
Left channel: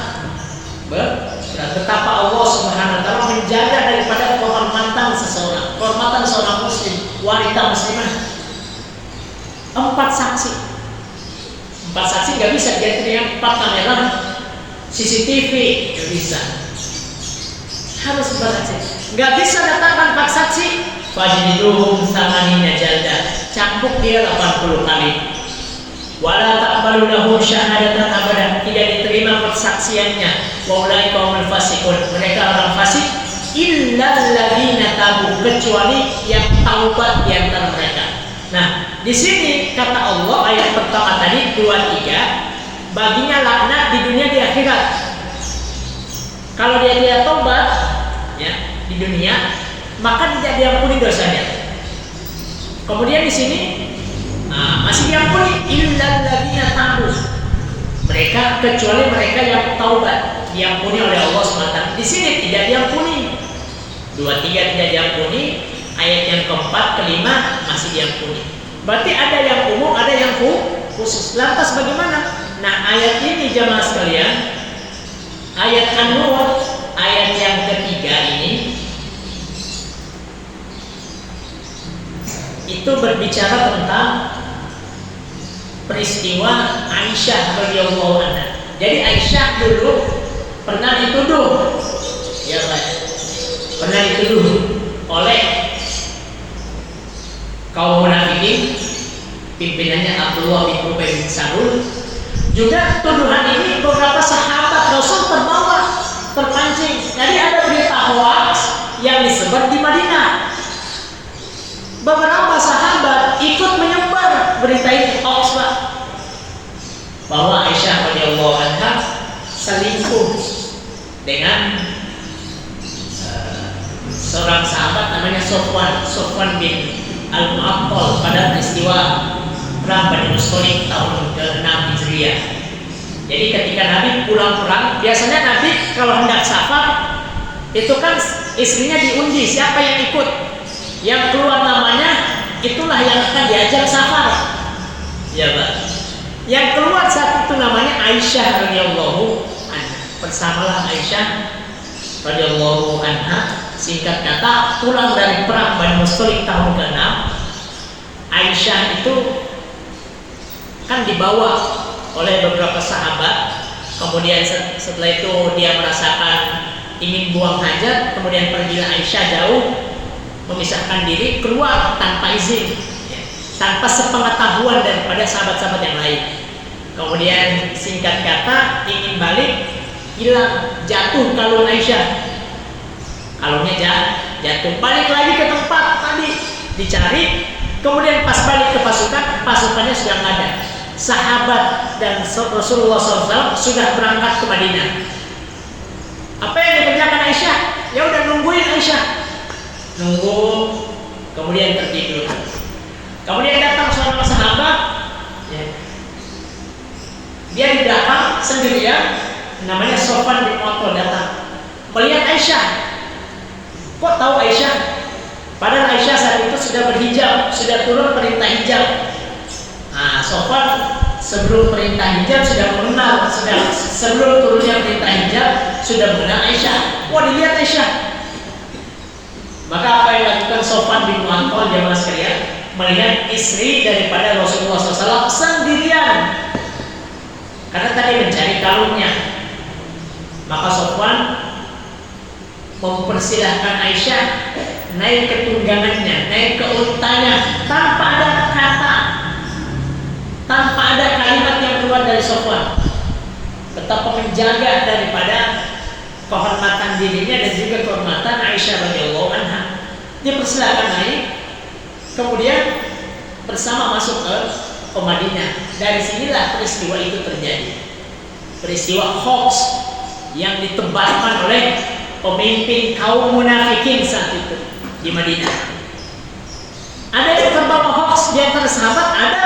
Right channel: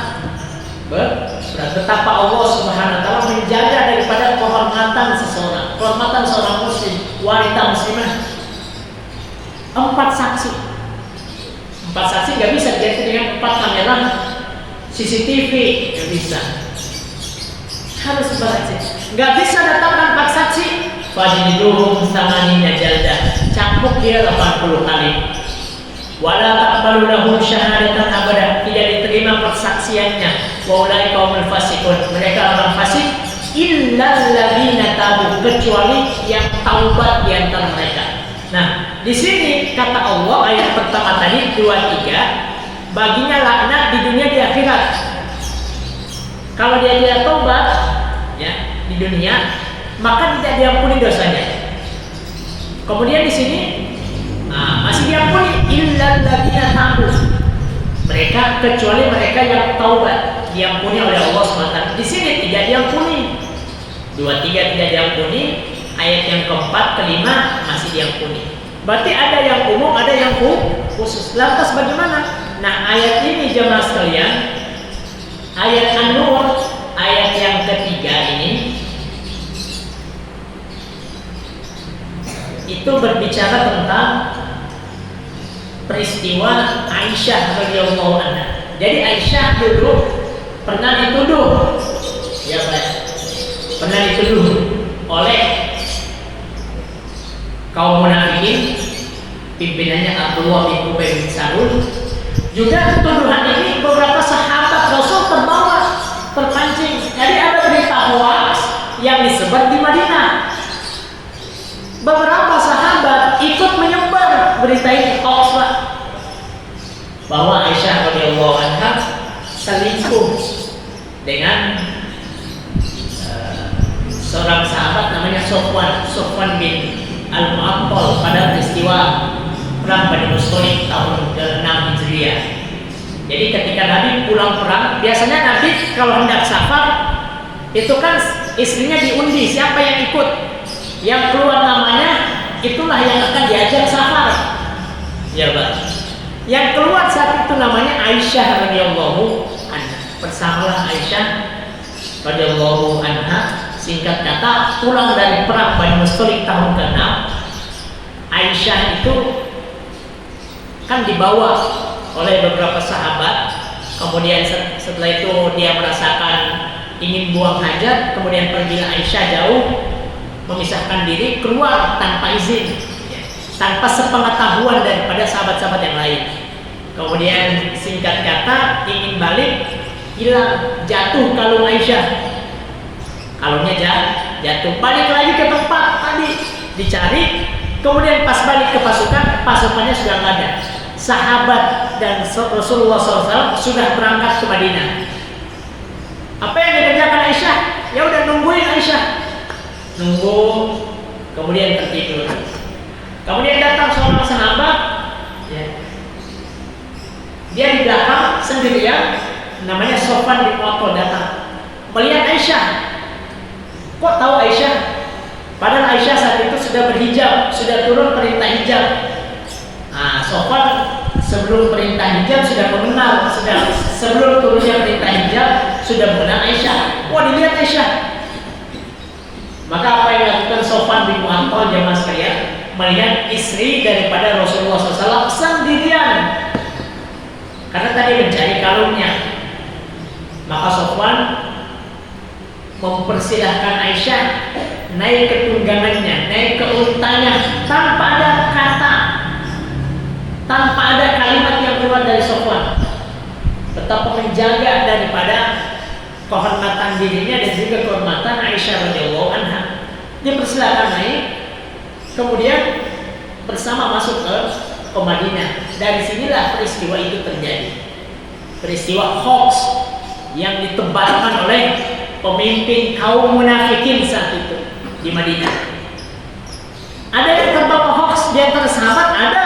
Betapa Allah Subhanahu wa taala menjaga daripada kehormatan seseorang, kehormatan seorang muslim, wanita muslimah. 4 saksi. 4 saksi nggak bisa diganti dengan 4 kamera CCTV, nggak bisa. Harus bersaksi. Nggak bisa datangkan 4 saksi. Fajliduhum 80 jaldah, cambuk dia 80 kali. Wala taqbalu lahu syahadatan abadah, tidak diterima persaksiannya. Wa ulaika humul fasiqun, mereka orang fasik. Illal ladzina tabu, kecuali yang taubat di antara mereka. Nah, di sini kata Allah ayat pertama tadi 23, baginya laknat di dunia di akhirat. Kalau dia tidak taubat ya di dunia, maka tidak diampuni dosanya. Kemudian di sini masih diampuni illal ladzina tabu, mereka kecuali mereka yang taubat, diampuni oleh Allah SWT. Di sini tidak diampuni. 23 tidak diampuni, ayat yang keempat, kelima masih diampuni. Berarti ada yang umum, ada yang khusus. Lantas bagaimana? Nah, ayat ini jemaah sekalian, ayat An-Nur, ayat yang ketiga ini, itu berbicara tentang peristiwa Aisyah radhiyallahu anha. Jadi Aisyah dulu pernah dituduh, ya Pak, pernah dituduh oleh kaum munafikin, pimpinannya Abdullah bin Ubay bin Salul. Juga tuduhan ini beberapa sahabat Rasul terbawa, terpancing. Jadi ada berita hoax yang disebar di Madinah. Beberapa sahabat ikut menyebar berita ini, hoax, Pak, bahwa Aisyah radhiyallahu anha selingkuh dengan seorang sahabat namanya Sofwan bin Al-Mu'attal pada peristiwa perang Bani Mustaliq tahun ke-6 Hijriah. Jadi ketika Nabi pulang perang, biasanya Nabi kalau hendak safar itu kan istrinya diundi siapa yang ikut. Yang keluar namanya itulah yang akan diajak safar. Ya, Pak. Yang keluar saat itu namanya Aisyah radhiyallahu anha. Bersamalah Aisyah radhiyallahu anha. Singkat kata, pulang dari perang Bani Mustaliq tahun ke-6, Aisyah itu kan dibawa oleh beberapa sahabat. Kemudian setelah itu dia merasakan ingin buang hajat, kemudian pergilah Aisyah jauh, memisahkan diri, keluar tanpa izin. tanpa sepengetahuan daripada sahabat-sahabat yang lain. Kemudian singkat kata ingin balik, hilang, jatuh kalung Aisyah. Kalungnya jatuh. Balik lagi ke tempat tadi dicari. Kemudian pas balik ke pasukannya sudah nggak ada. Sahabat dan Rasulullah SAW sudah berangkat ke Madinah. Apa yang dikerjakan Aisyah? Ya udah nungguin Aisyah. Nunggu, kemudian tertidur. Kemudian datang seorang sahabat, ya. Dia di belakang sendirian, namanya Sofwan bin Mu'attal datang. Melihat Aisyah. Kok tahu Aisyah? Padahal Aisyah saat itu sudah berhijab, sudah turun perintah hijab. Nah, Sofwan sebelum perintah hijab sudah mengenal, sebelum turunnya perintah hijab sudah mengenal Aisyah. Wah, dilihat Aisyah. Maka apa yang dilakukan Sofwan bin Mu'attal jamaah sekalian? Melihat istri daripada Rasulullah SAW sendirian. Karena tadi mencari kalungnya. Maka Sofwan mempersilahkan Aisyah naik ke tunggangannya, naik ke untanya, tanpa ada kata, tanpa ada kalimat yang keluar dari Sofwan. Betapa menjaga daripada kehormatan dirinya dan juga kehormatan Aisyah radhiyallahu anha. Dia persilahkan naik, kemudian bersama masuk ke Madinah. Dari sinilah peristiwa itu terjadi. Peristiwa hoax yang ditebarkan oleh pemimpin kaum munafikin saat itu di Madinah. Ada yang terbawa hoax di antara sahabat, ada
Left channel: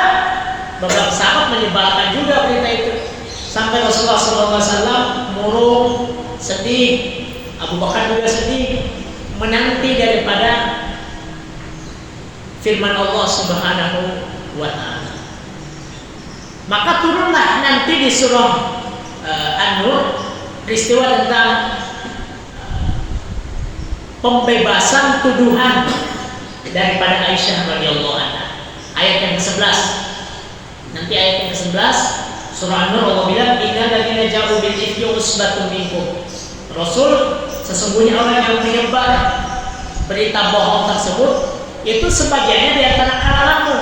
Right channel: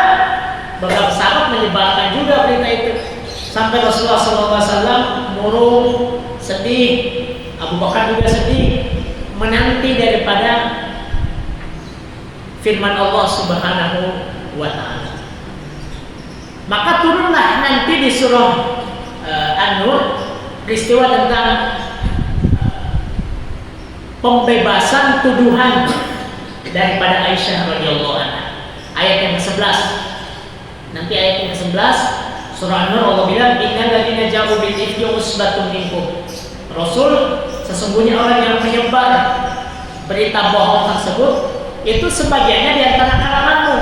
beberapa sahabat menyebarkan juga berita itu. Sampai Rasulullah SAW murung, sedih, Abu Bakar juga sedih, menanti daripada firman Allah Subhanahu wa Ta'ala. Maka turunlah nanti di surah An-Nur peristiwa tentang pembebasan tuduhan daripada Aisyah radhiyallahu anha. Ayat yang ke-11. Nanti ayat yang ke-11 surah An-Nur Allah bilang innal ladzina ja'u bil ifki usbatun minkum. Rasul, sesungguhnya orang yang menyebar berita bohong tersebut itu sebagiannya di antara kalanganmu.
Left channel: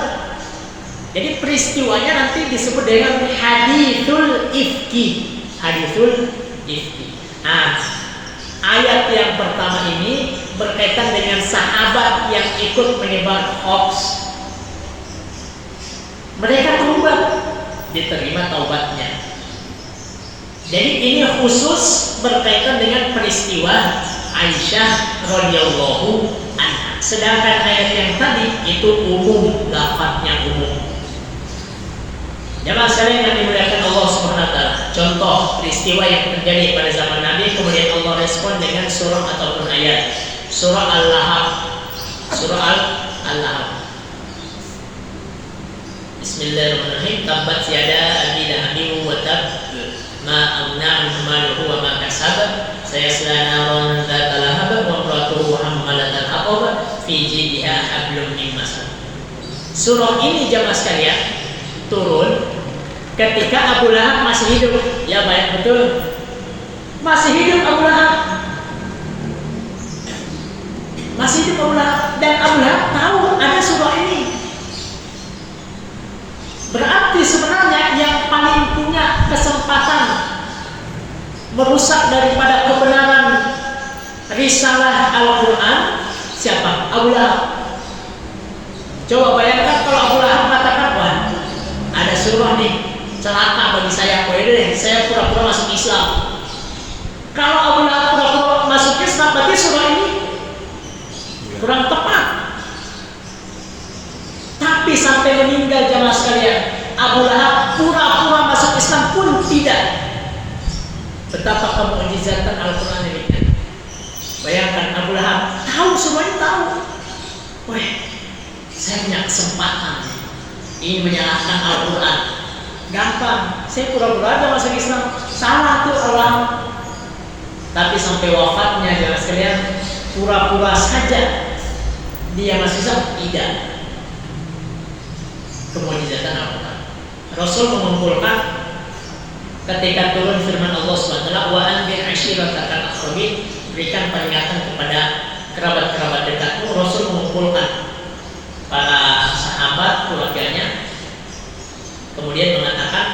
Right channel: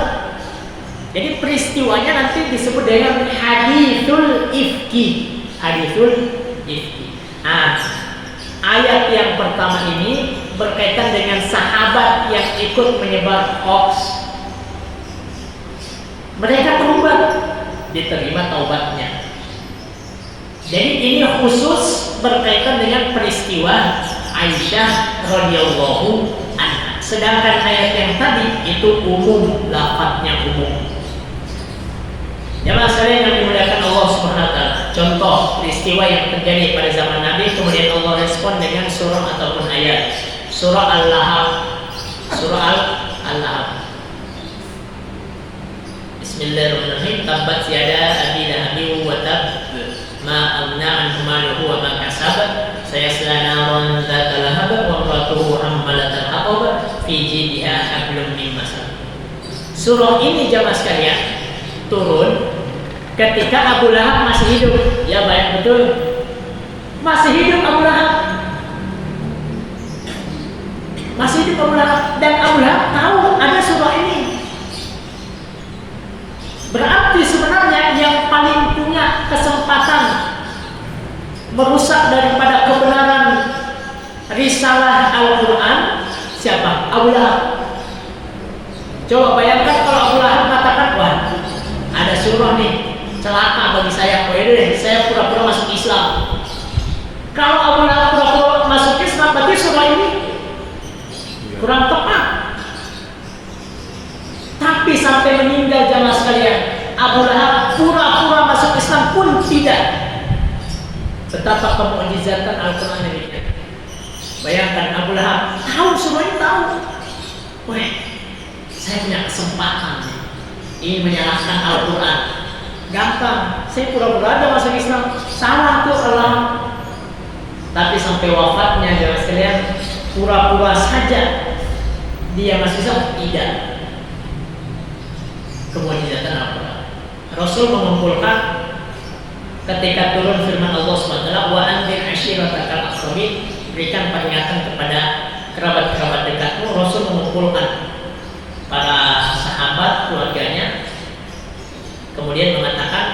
Jadi peristiwanya nanti disebut dengan hadithul ifki. Hadithul ifki. Nah, ayat yang pertama ini berkaitan dengan sahabat yang ikut menyebar hoax. Mereka taubat, diterima taubatnya. Jadi ini khusus berkaitan dengan peristiwa Aisyah radhiyallahu anha. Sedangkan ayat yang tadi itu umum, lafadznya umum. Jamaah sekalian yang dimuliakan Allah Subhanahu wa Ta'ala. Contoh peristiwa yang terjadi pada zaman Nabi, kemudian Allah respon dengan surah ataupun ayat. Surah Al-Lahab. Surah Al-Lahab. Bismillahirrahmanirrahim. Tabbat yada abi lahabin wa tab, ma aghna anhu maluhu wa ma kasab, sayasla naran dzata lahab wa imratuhu hammalatal hatab fi jidha hablum min masad. Surah ini jamaah sekalian turun ketika Abu Lahab masih hidup. Ya baik, betul. Masih hidup Abu Lahab. Masih hidup Abu Lahab. Dan Abu Lahab tahu ada surah ini. Berarti sebenarnya yang paling punya kesempatan merusak daripada kebenaran risalah Al-Quran siapa? Abu Lahab. Coba bayangkan kalau Abu Lahab mengatakan, wah ada surah nih, celaka bagi saya, saya pura-pura masuk Islam. Kalau Abu Lahab pura-pura masuk Islam, berarti surah ini kurang tepat. Tapi sampai meninggal jamaah sekalian, Abu Lahab pura-pura masuk Islam pun tidak. Betapa kemu'jizatan Al-Quran ini. Bayangkan Abu Lahab tahu surah ini, tahu. Wah, saya punya kesempatan ini menyalahkan Al-Quran. Gampang, saya pura-pura aja masuk Islam. Salah tuh Allah. Tapi sampai wafatnya jemaah sekalian, pura-pura saja dia masuk Islam, tidak. Kemu'jizatan Al-Quran. Rasul mengumpulkan ketika turun firman Allah SWT, wa anzir ashiratakal aqrabin, berikan peringatan kepada kerabat-kerabat dekatmu. Rasul mengumpulkan para sahabat bersama keluarganya, kemudian mengatakan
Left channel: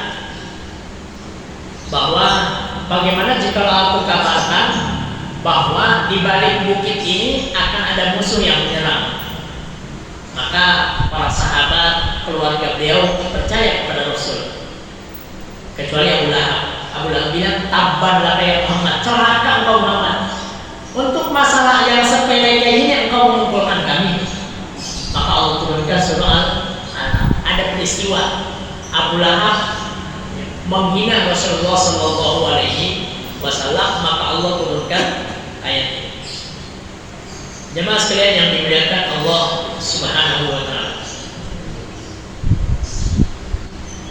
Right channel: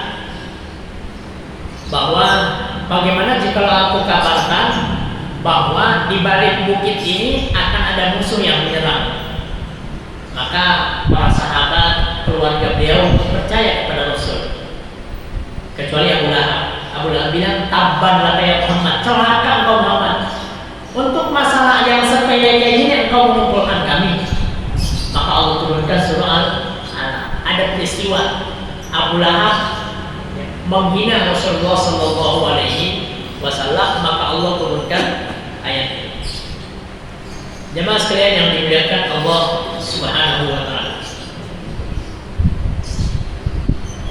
bahwa bagaimana jika aku kabarkan bahwa di balik bukit ini akan ada musuh yang menyerang. Maka para sahabat keluarga beliau percaya kepada Rasul, kecuali Abu Lahab. Abu Lahab bilang, tabban laka ya Muhammad, celaka engkau Muhammad, untuk masalah yang sepele kayak gini engkau mengumpulkan kami. Maka Allah turunkan surah Al-Alaq. Ada peristiwa Abu Lahab menghina Rasulullah Sallallahu Alaihi Wasallam, maka Allah turunkan ayat ini. Jemaah sekalian yang dimuliakan Allah Subhanahu Wa Taala,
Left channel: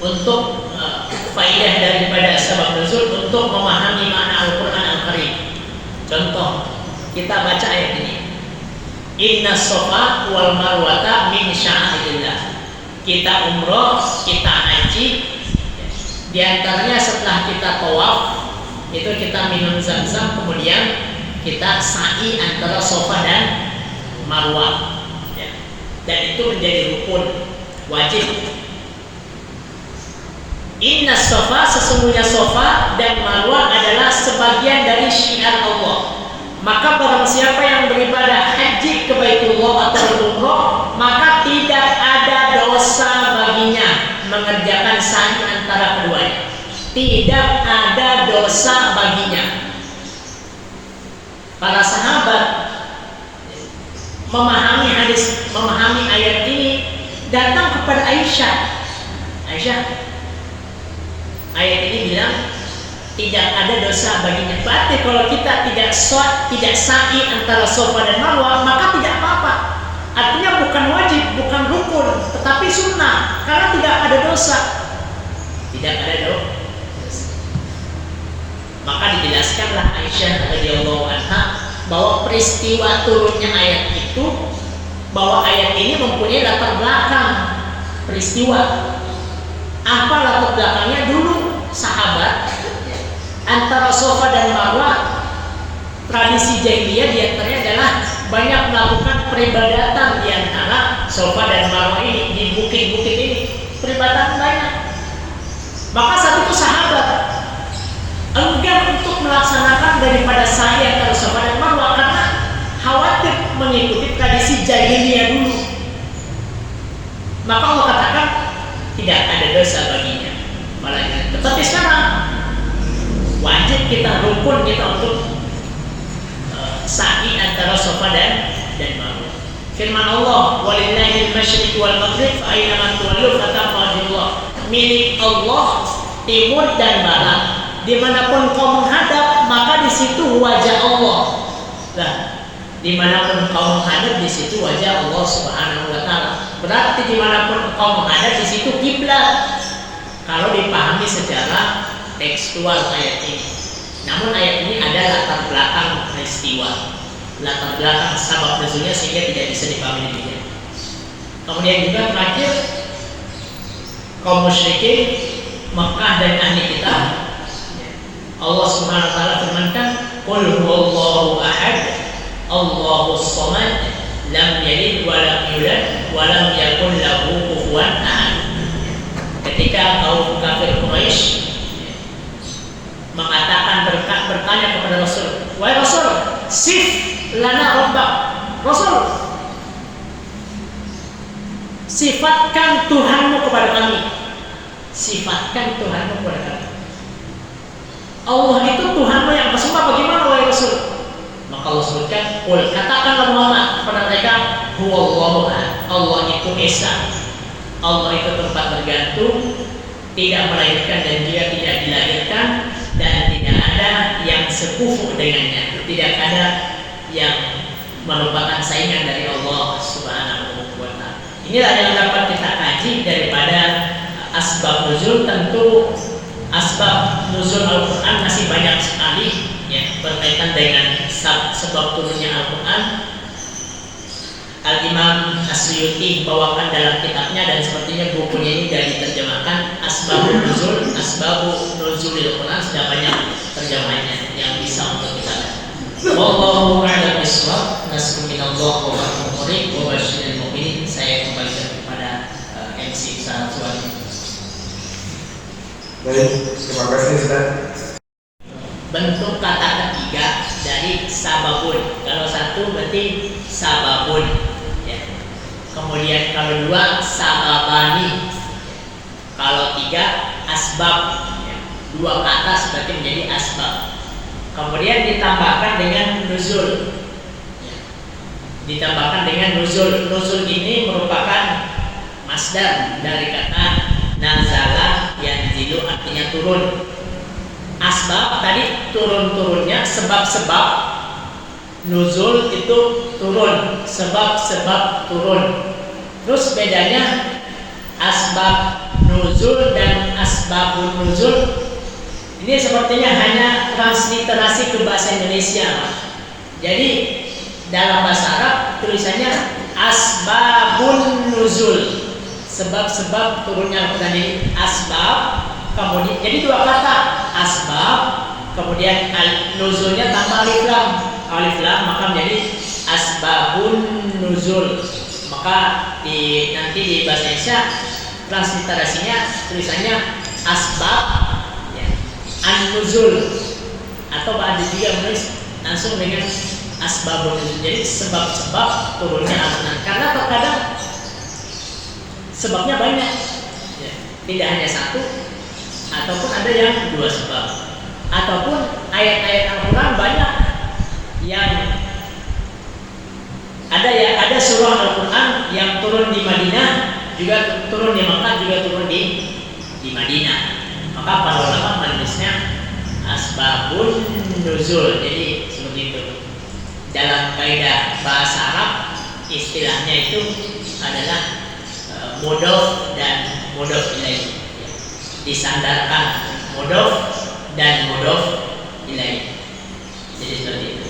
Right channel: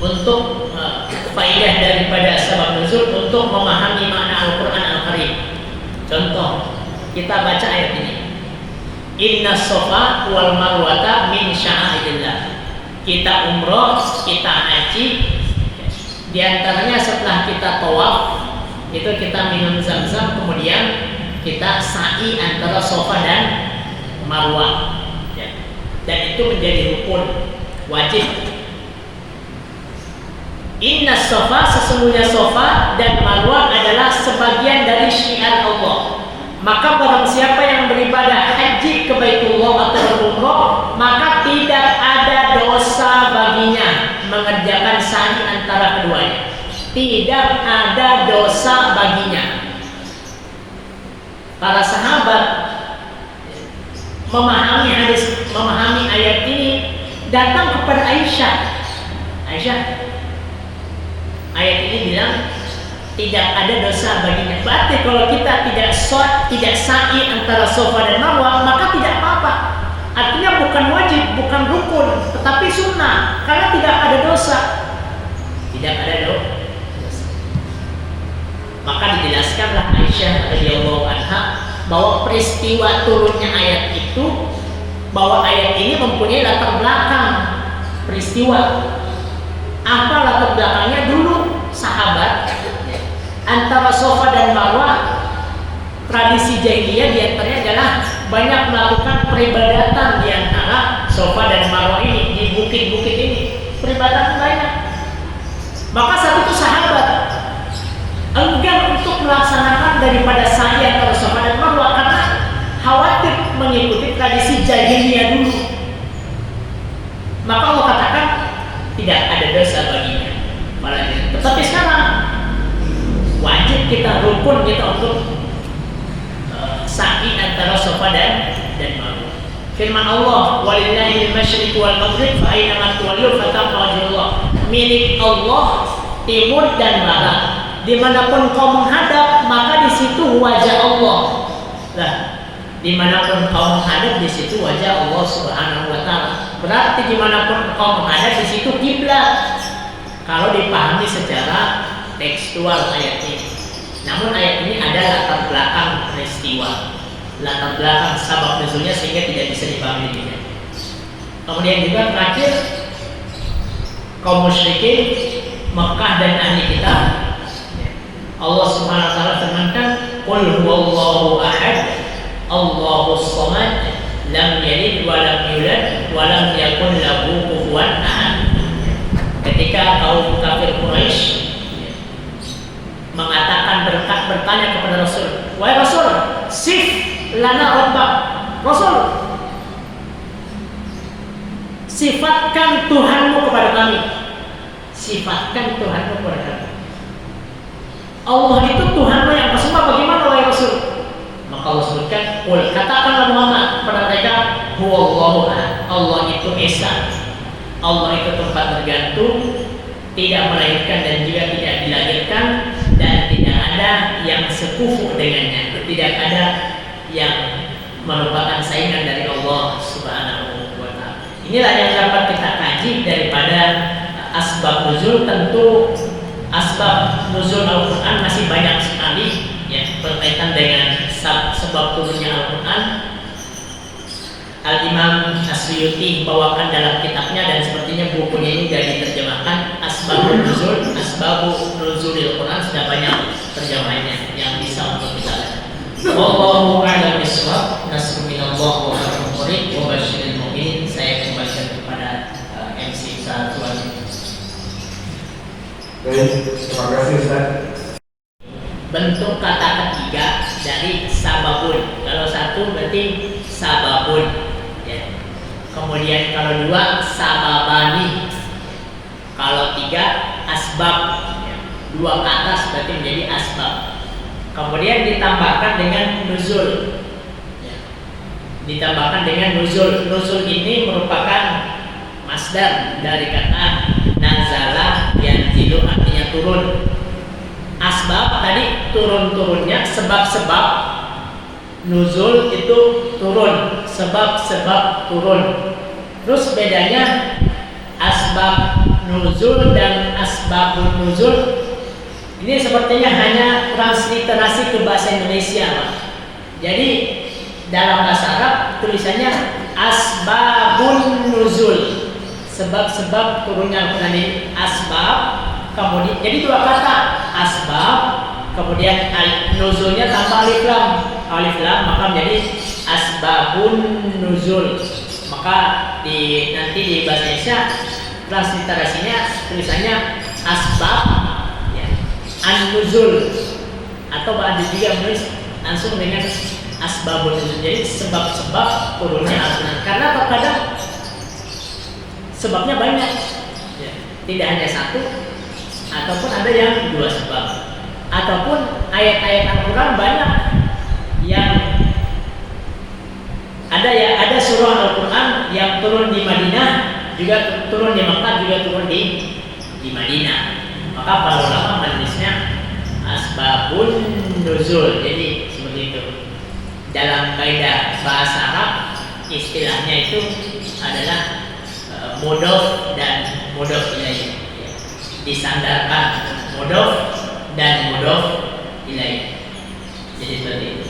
untuk faidah daripada sabab nuzul untuk memahami makna Al-Quran Al-Karim. Contoh, kita baca ayat ini, Inna Safa wal Marwata min sya'airillah. Kita umroh, kita haji, di antaranya setelah kita tawaf itu kita minum zam-zam, kemudian kita sa'i antara Safa dan Marwah, ya. Dan itu menjadi rukun wajib. Inna Safa, sesungguhnya Safa dan Marwah adalah sebagian dari syiar Allah. Maka barang siapa yang beribadah haji ke Baitullah atau umroh, maka tidak ada dosa baginya mengerjakan sa'i antara keduanya. Tidak ada dosa baginya. Para sahabat memahami hadis, memahami ayat ini, datang kepada Aisyah. Aisyah, ayat ini bilang tidak ada dosa baginya. Berarti kalau kita tidak sa'i antara Safa dan Marwah, maka tidak apa-apa. Artinya bukan wajib, bukan rukun, tetapi sunnah, karena tidak ada dosa. Tidak ada dosa. Maka dijelaskanlah Aisyah radhiyallahu anha bahwa peristiwa turunnya ayat itu, bahwa ayat ini mempunyai latar belakang peristiwa. Apa latar belakangnya? Dulu sahabat antara Safa dan Marwah, tradisi jahiliyah diantaranya adalah banyak melakukan peribadatan di antara Safa dan Marwah ini, di bukit-bukit ini peribadatan banyak. Maka saat itu sahabat enggan untuk melaksanakan daripada sa'i antara Safa dan Marwah karena khawatir mengikuti tradisi jahiliyah dulu. Maka Allah katakan tidak ada dosa baginya. Tetapi sekarang wajib kita, rukun kita untuk sa'i antara Safa dan Marwah. Firman Allah, walillahil masyriq wal maghrib fa aina ma tuwallu fatamma wajhullah. Milik Allah timur dan barat. Dimanapun kau menghadap, maka di situ wajah Allah. Nah, dimanapun kau menghadap, di situ wajah Allah Subhanahu Wa Taala. Berarti dimanapun kau menghadap, di situ kiblat. Kalau dipahami secara tekstual ayat ini. Namun ayat ini ada latar belakang peristiwa, latar belakang sabab nuzulnya, sehingga tidak bisa dipahami demikian. Kemudian juga terakhir, kaum musyrikin Mekah dan ahli kitab, Allah Subhanahu wa taala firmankan, "Qul huwallahu ahad, Allahus samad, lam yalid wa lam yulad wa lam yakul lahu kufuwan ahad." Ketika kaum kafir Quraisy mengatakan, bertanya kepada Rasul, "Wahai Rasul, sif lana rabbak." Rasul, sifatkan Tuhanmu kepada kami. Sifatkan Tuhanmu kepada kami. Allah itu Tuhanmu yang kesembah, bagaimana wahai Rasul? Maka Allah sebutkan, qul, katakanlah Muhammad kepada mereka, huwallahu ahad. Allah itu esa. Allah itu tempat bergantung, tidak melahirkan dan juga tidak dilahirkan, dan tidak ada yang sekufu dengannya. Tidak ada yang merupakan saingan dari Allah Subhanahu wa taala. Inilah yang dapat kita kaji daripada asbab nuzul. Tentu asbab nuzul Al-Quran masih banyak sekali, ya, berkaitan dengan sebab turunnya Al-Quran. Al-Imam As-Suyuti membawakan dalam kitabnya, dan sepertinya bukunya ini sudah diterjemahkan, Asbabun Nuzul, Asbabu Nuzulil Quran, sudah banyak terjemahannya yang bisa untuk kita baca. Wallahu a'lam bishawab. Nasrun minallah wa fathun qarib wa basyiril mu'minin. Saya kembalikan kepada disiksa suami. Baik, terima kasih Ustaz. Bentuk kata ketiga dari sababun. Kalau satu berarti sababun, ya. Kemudian kalau dua sababani. Kalau tiga asbab, ya. Dua ke atas berarti menjadi asbab. Kemudian ditambahkan dengan nuzul, ya. Ditambahkan dengan nuzul. Nuzul ini merupakan masdar dari kata nazala yanzilu, artinya turun. Asbab tadi turun-turunnya, sebab-sebab nuzul itu turun, sebab-sebab turun. Terus bedanya asbab nuzul dan asbabun nuzul ini sepertinya hanya transliterasi ke bahasa Indonesia, Pak. Jadi dalam bahasa Arab tulisannya asbabun nuzul, sebab-sebab turunnya Al-Quran. Ini asbab, kemudian jadi dua kata, asbab, kemudian nuzulnya tanpa alif lam, maka menjadi asbabun nuzul. Maka nanti di bahasa Indonesia transliterasinya tulisannya asbab, ya, an-nuzul, atau ada juga menulis langsung dengan asbabun nuzul. Jadi sebab-sebab turunnya Al-Quran. Karena terkadang sebabnya banyak, ya, tidak hanya satu, ataupun ada yang dua sebab, ataupun ayat-ayat Al-Quran banyak yang ada surah Al-Quran yang turun di Madinah, juga turun di Makkah, juga turun di Madinah. Maka para ulama menulisnya asbabun nuzul. Jadi seperti itu. Dalam kaidah bahasa Arab istilahnya itu adalah mudhof dan mudhof ilaih, ya. Disandarkan mudhof dan mudhof ilaih. Jadi seperti itu.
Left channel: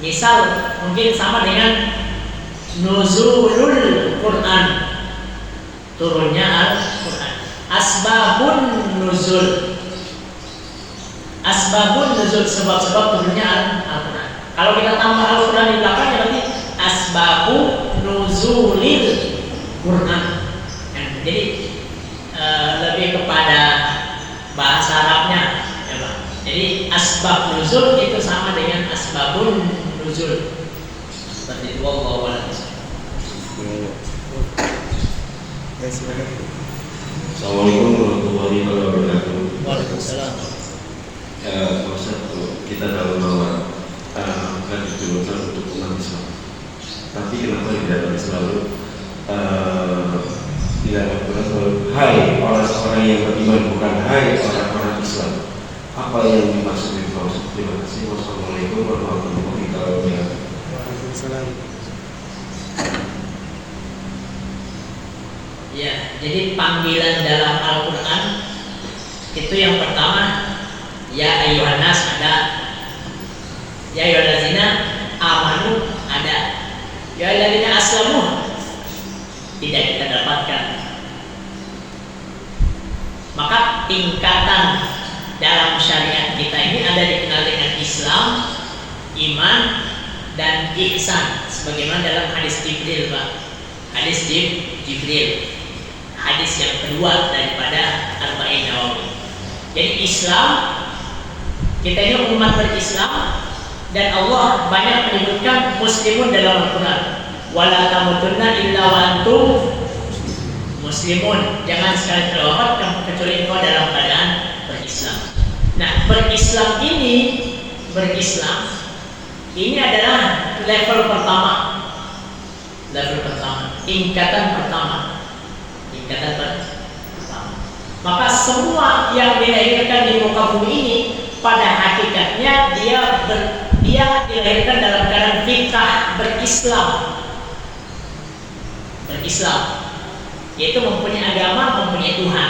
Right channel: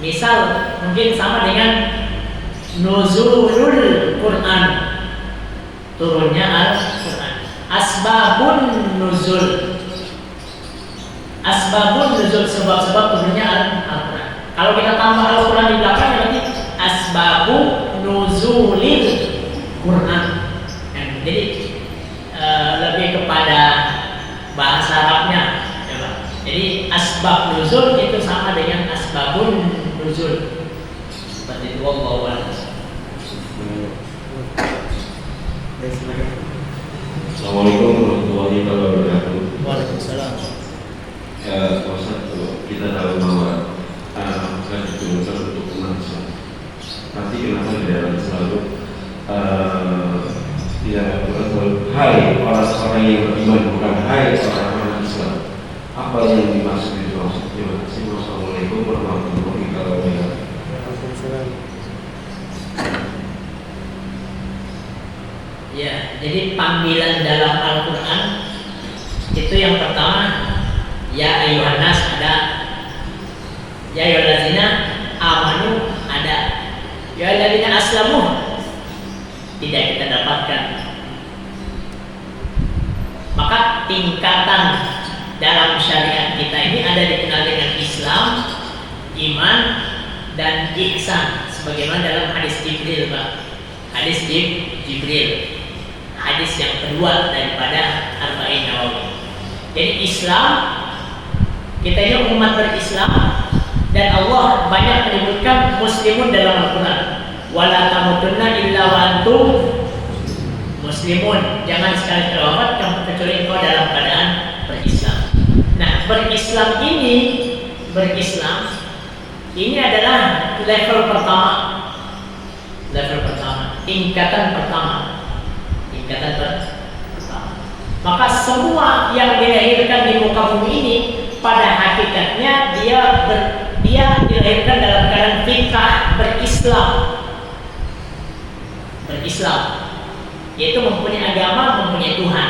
Misal mungkin sama dengan nuzulul Quran, turunnya Al-Quran. Asbabun nuzul, asbabun nuzul, sebab-sebab turunnya Al-Quran. Kalau kita tambah Al-Quran di belakangnya berarti asbabu nuzulil Quran. Jadi lebih kepada bahasa Arabnya, ya Pak. Jadi asbab nuzul itu sama dengan asbabun nuzul. Seperti itu. Wallahu a'lam. Assalamualaikum warahmatullahi wabarakatuh. Waalaikumsalam. Ustaz, kita tahu bahwa Al-Quran diturunkan untuk umat Islam. Tapi kenapa di dalam selalu di dalam Al-Quran selalu hai orang-orang yang beriman, bukan hai orang-orang Islam? Apa yang dimaksud itu? Terima kasih. Wassalamualaikum warahmatullahi wabarakatuh. Ya, jadi panggilan dalam Al-Quran itu yang pertama ya ayyuhan nas ada, ya ayyuhallazina amanu ada, ya ayyuhallazina aslamu tidak kita dapatkan. Maka tingkatan dalam syariat kita ini ada dikenal dengan Islam, iman, dan ihsan, sebagaimana dalam hadis Jibril, Pak. Hadis Jibril, hadis yang kedua daripada Arba'in Nawawi. Jadi Islam, kita ini umat berislam, dan Allah banyak menyebutkan muslimun dalam Al-Quran. Wala tamutunna illa wa antum muslimun. Jangan sekali terwafat kecuali engkau dalam keadaan berislam. Nah, berislam ini adalah level pertama. Tingkatan pertama. Maka semua yang dilahirkan di muka bumi ini pada hakikatnya dia dilahirkan dalam keadaan fitrah berislam, yaitu mempunyai agama, mempunyai Tuhan.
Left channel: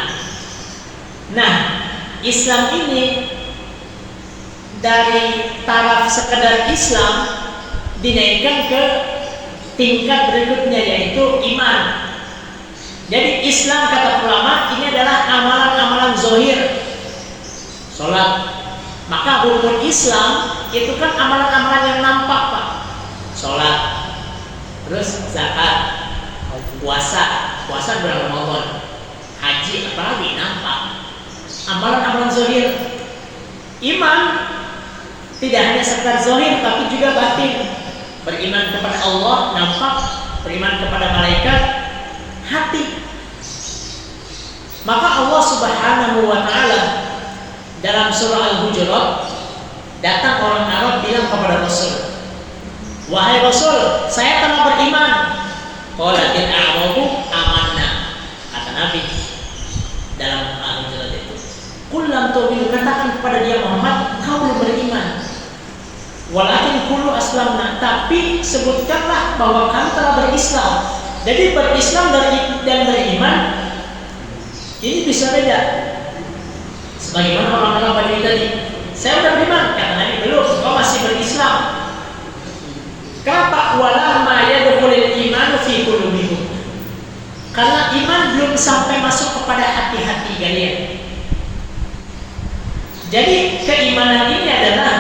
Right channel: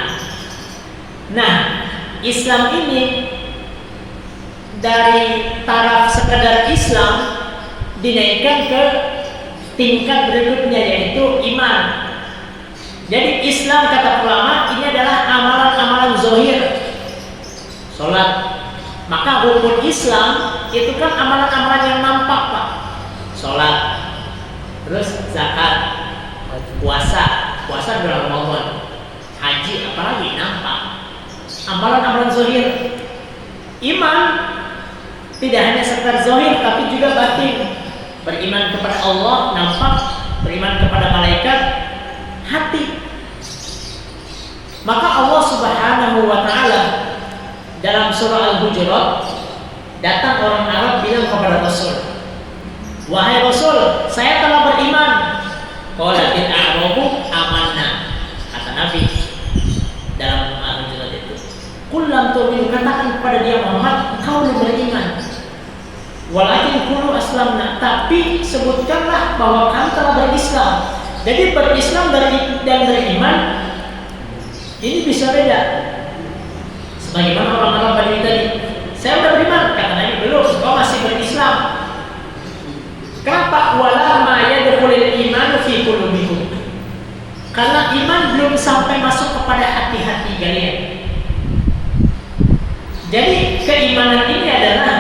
Nah, Islam ini dari taraf sekedar Islam dinaikkan ke tingkat berikutnya, yaitu iman. Jadi Islam, kata ulama, ini adalah amalan-amalan zahir, sholat. Maka hukum Islam itu kan amalan-amalan yang nampak, Pak. Sholat, terus zakat, puasa bulan Ramadan, ngaji, apalagi nampak. Amalan-amalan zahir. Iman tidak hanya sekedar zahir tapi juga batin. Beriman kepada Allah nampak, beriman kepada malaikat hati. Maka Allah Subhanahu wa taala dalam surah Al-Hujurat, datang orang Arab bilang kepada Rasul, "Wahai Rasul, saya telah beriman." Qalatil a'rabu amanna. Kata Nabi dalam Al-Hujurat itu, "Qul lam tu'minu," katakan kepada dia Muhammad, "Kau belum beriman." "Walakin qulu aslamna," tapi sebutkanlah bahwa kamu telah berislam. Jadi berislam dan beriman ini bisa beda. Sebagaimana orang-orang Badui tadi, "Saya sudah beriman," kata Nabi, "Belum, kau masih berislam." Kenapa? Walamma yadkhulul imanu fi qulubikum. Karena iman belum sampai masuk kepada hati-hati kalian. Jadi keimanan ini adalah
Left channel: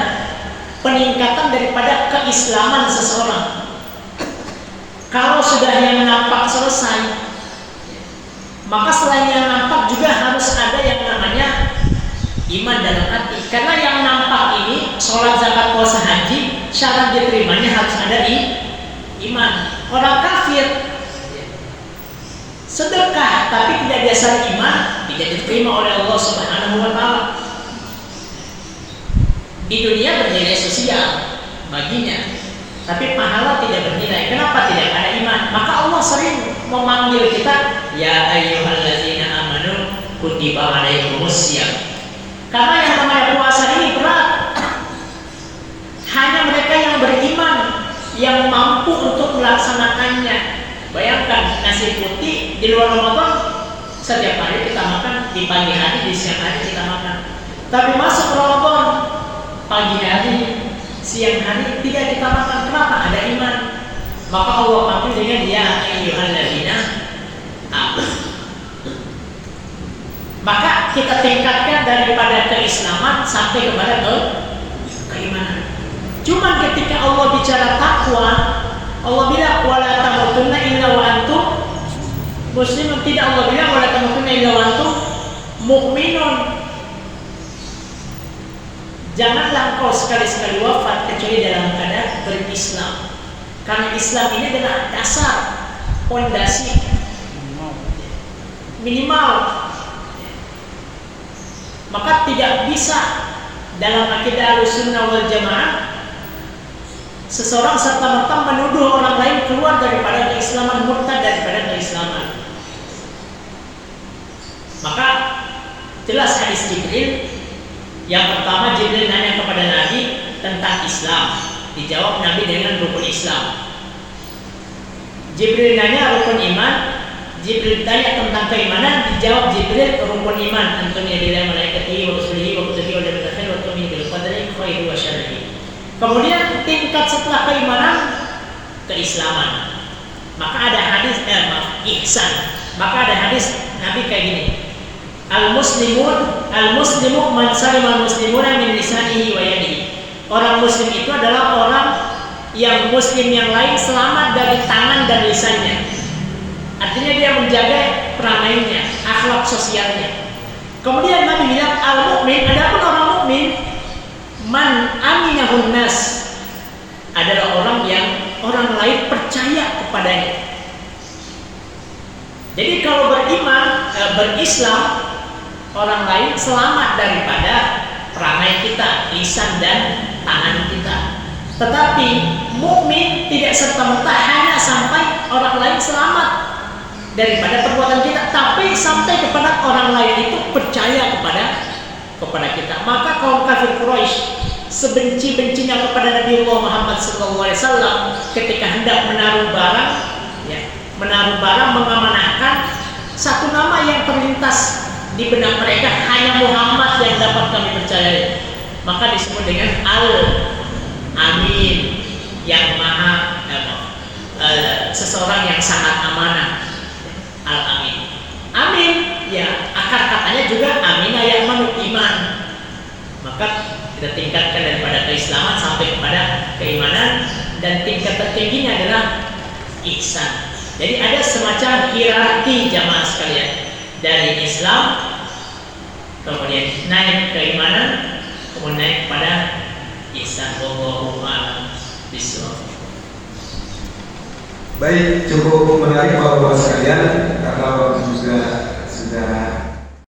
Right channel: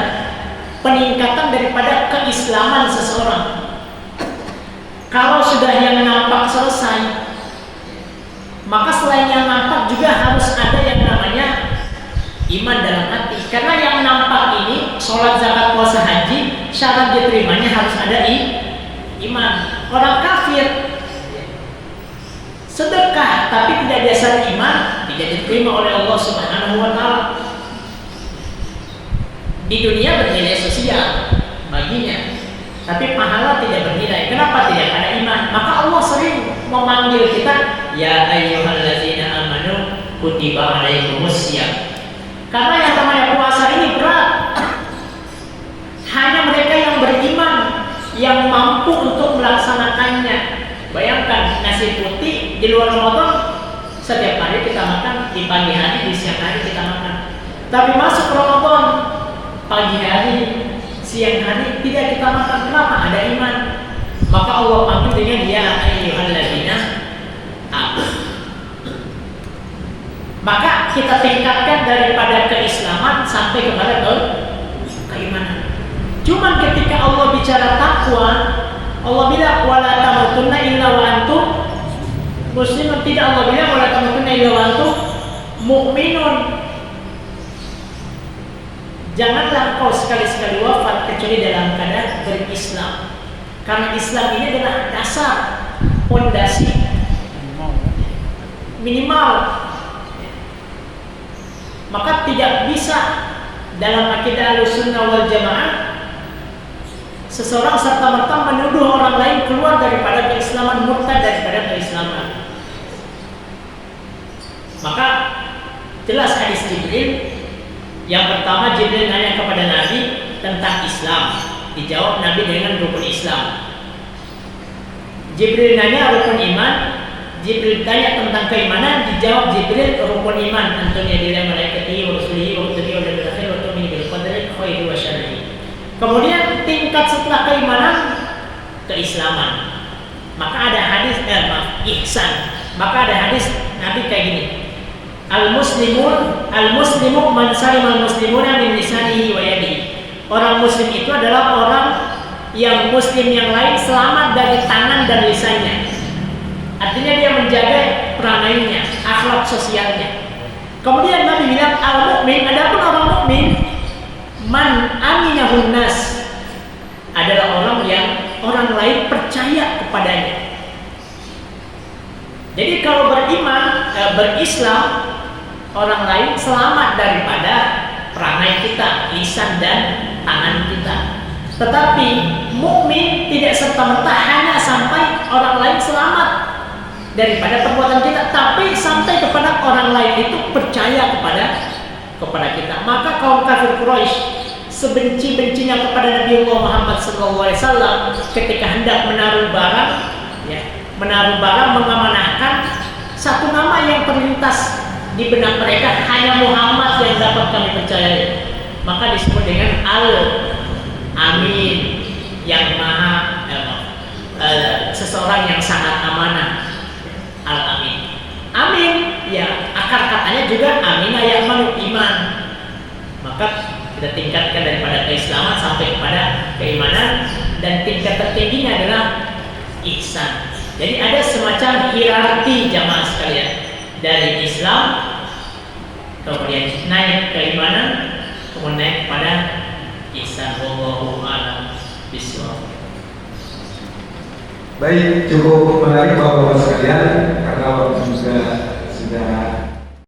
peningkatan daripada keislaman seseorang. Kalau sudah yang nampak selesai, maka selain yang nampak juga harus ada yang namanya iman dalam hati. Karena yang nampak ini, sholat, zakat, puasa, haji, syarat diterimanya harus ada iman. Orang kafir sedekah tapi tidak dasar iman, tidak diterima oleh Allah Subhanahu wa taala. Di dunia bernilai sosial baginya, tapi pahala tidak bernilai. Kenapa? Tidak ada iman. Maka Allah sering memanggil kita, "Ya ayyuhallazina amanu kutiba alaikumussyam." Karena yang namanya puasa ini berat. Hanya mereka yang beriman yang mampu untuk melaksanakannya. Bayangkan nasi putih di luar Ramadan setiap hari kita makan, di pagi hari, di siang hari kita makan. Tapi masuk Ramadan, pagi hari, siang hari tidak kita makan. Kenapa? Ada iman. Maka Allah panggil dengan ya ayyuhallazina amanu. Maka kita tingkatkan daripada keislaman sampai kepada keimanan. Cuman ketika Allah bicara takwa, Allah bilang wala tamutunna illa wa antum muslimun. Tidak, Allah bilang wala tamutunna illa wa antum mu'minun. Janganlah engkau sekali-sekali wafat kecuali dalam keadaan berislam. Karena Islam ini adalah dasar, pondasi minimal. Maka tidak bisa dalam akidah Ahlussunnah wal Jamaah seseorang serta-merta menuduh orang lain keluar daripada keislaman, murtad daripada keislaman. Maka jelas hadis Jibril. Yang pertama, Jibril nanya kepada Nabi tentang Islam. Dijawab Nabi dengan rukun Islam. Jibril nanya rukun iman. Jibril tanya tentang keimanan, dijawab Jibril rukun iman. Antunya bila malaikatihi wa rusulihi wa kutubihi wal yawmil akhir wa tu'minu bil qadari khairihi wa syarrihi. Kemudian tingkat setelah keimanan, keislaman. Maka ada hadis ihsan. Maka ada hadis Nabi kayak gini. Al-muslimu man salimal muslimuna min lisanihi wa yadihi. Orang muslim itu adalah orang yang muslim yang lain selamat dari tangan dan lisannya. Artinya dia menjaga perangainya, akhlak sosialnya. Kemudian Nabi bilang al-mu'min, adapun orang mukmin, man aminahun nas, adalah orang yang orang lain percaya kepadanya. Jadi kalau beriman, berislam, orang lain selamat daripada perangai kita, lisan dan tangan kita. Tetapi mukmin tidak serta-merta hanya sampai orang lain selamat daripada perbuatan kita, tapi sampai kepada orang lain itu percaya kepada kita. Maka kaum kafir Quraisy sebenci-bencinya kepada Nabi Muhammad SAW ketika hendak menaruh barang, mengamanahkan, satu nama yang terlintas di benak mereka, hanya Muhammad yang dapat kami percayai. Maka disebut dengan Al-Amin, yang maha seseorang yang sangat amanah. Al-Amin. Amin, ya akar katanya juga aminah yang iman. Maka kita tingkatkan daripada keislaman sampai kepada keimanan, dan tingkat tertingginya adalah ihsan. Jadi ada semacam hierarki jamaah sekalian. dari Islam, kemudian naik keimanan, kemudian naik pada ihsan. Wallahu a'lam bishawab. Baik, cukup menarik Bapak-Bapak sekalian karena waktu juga sudah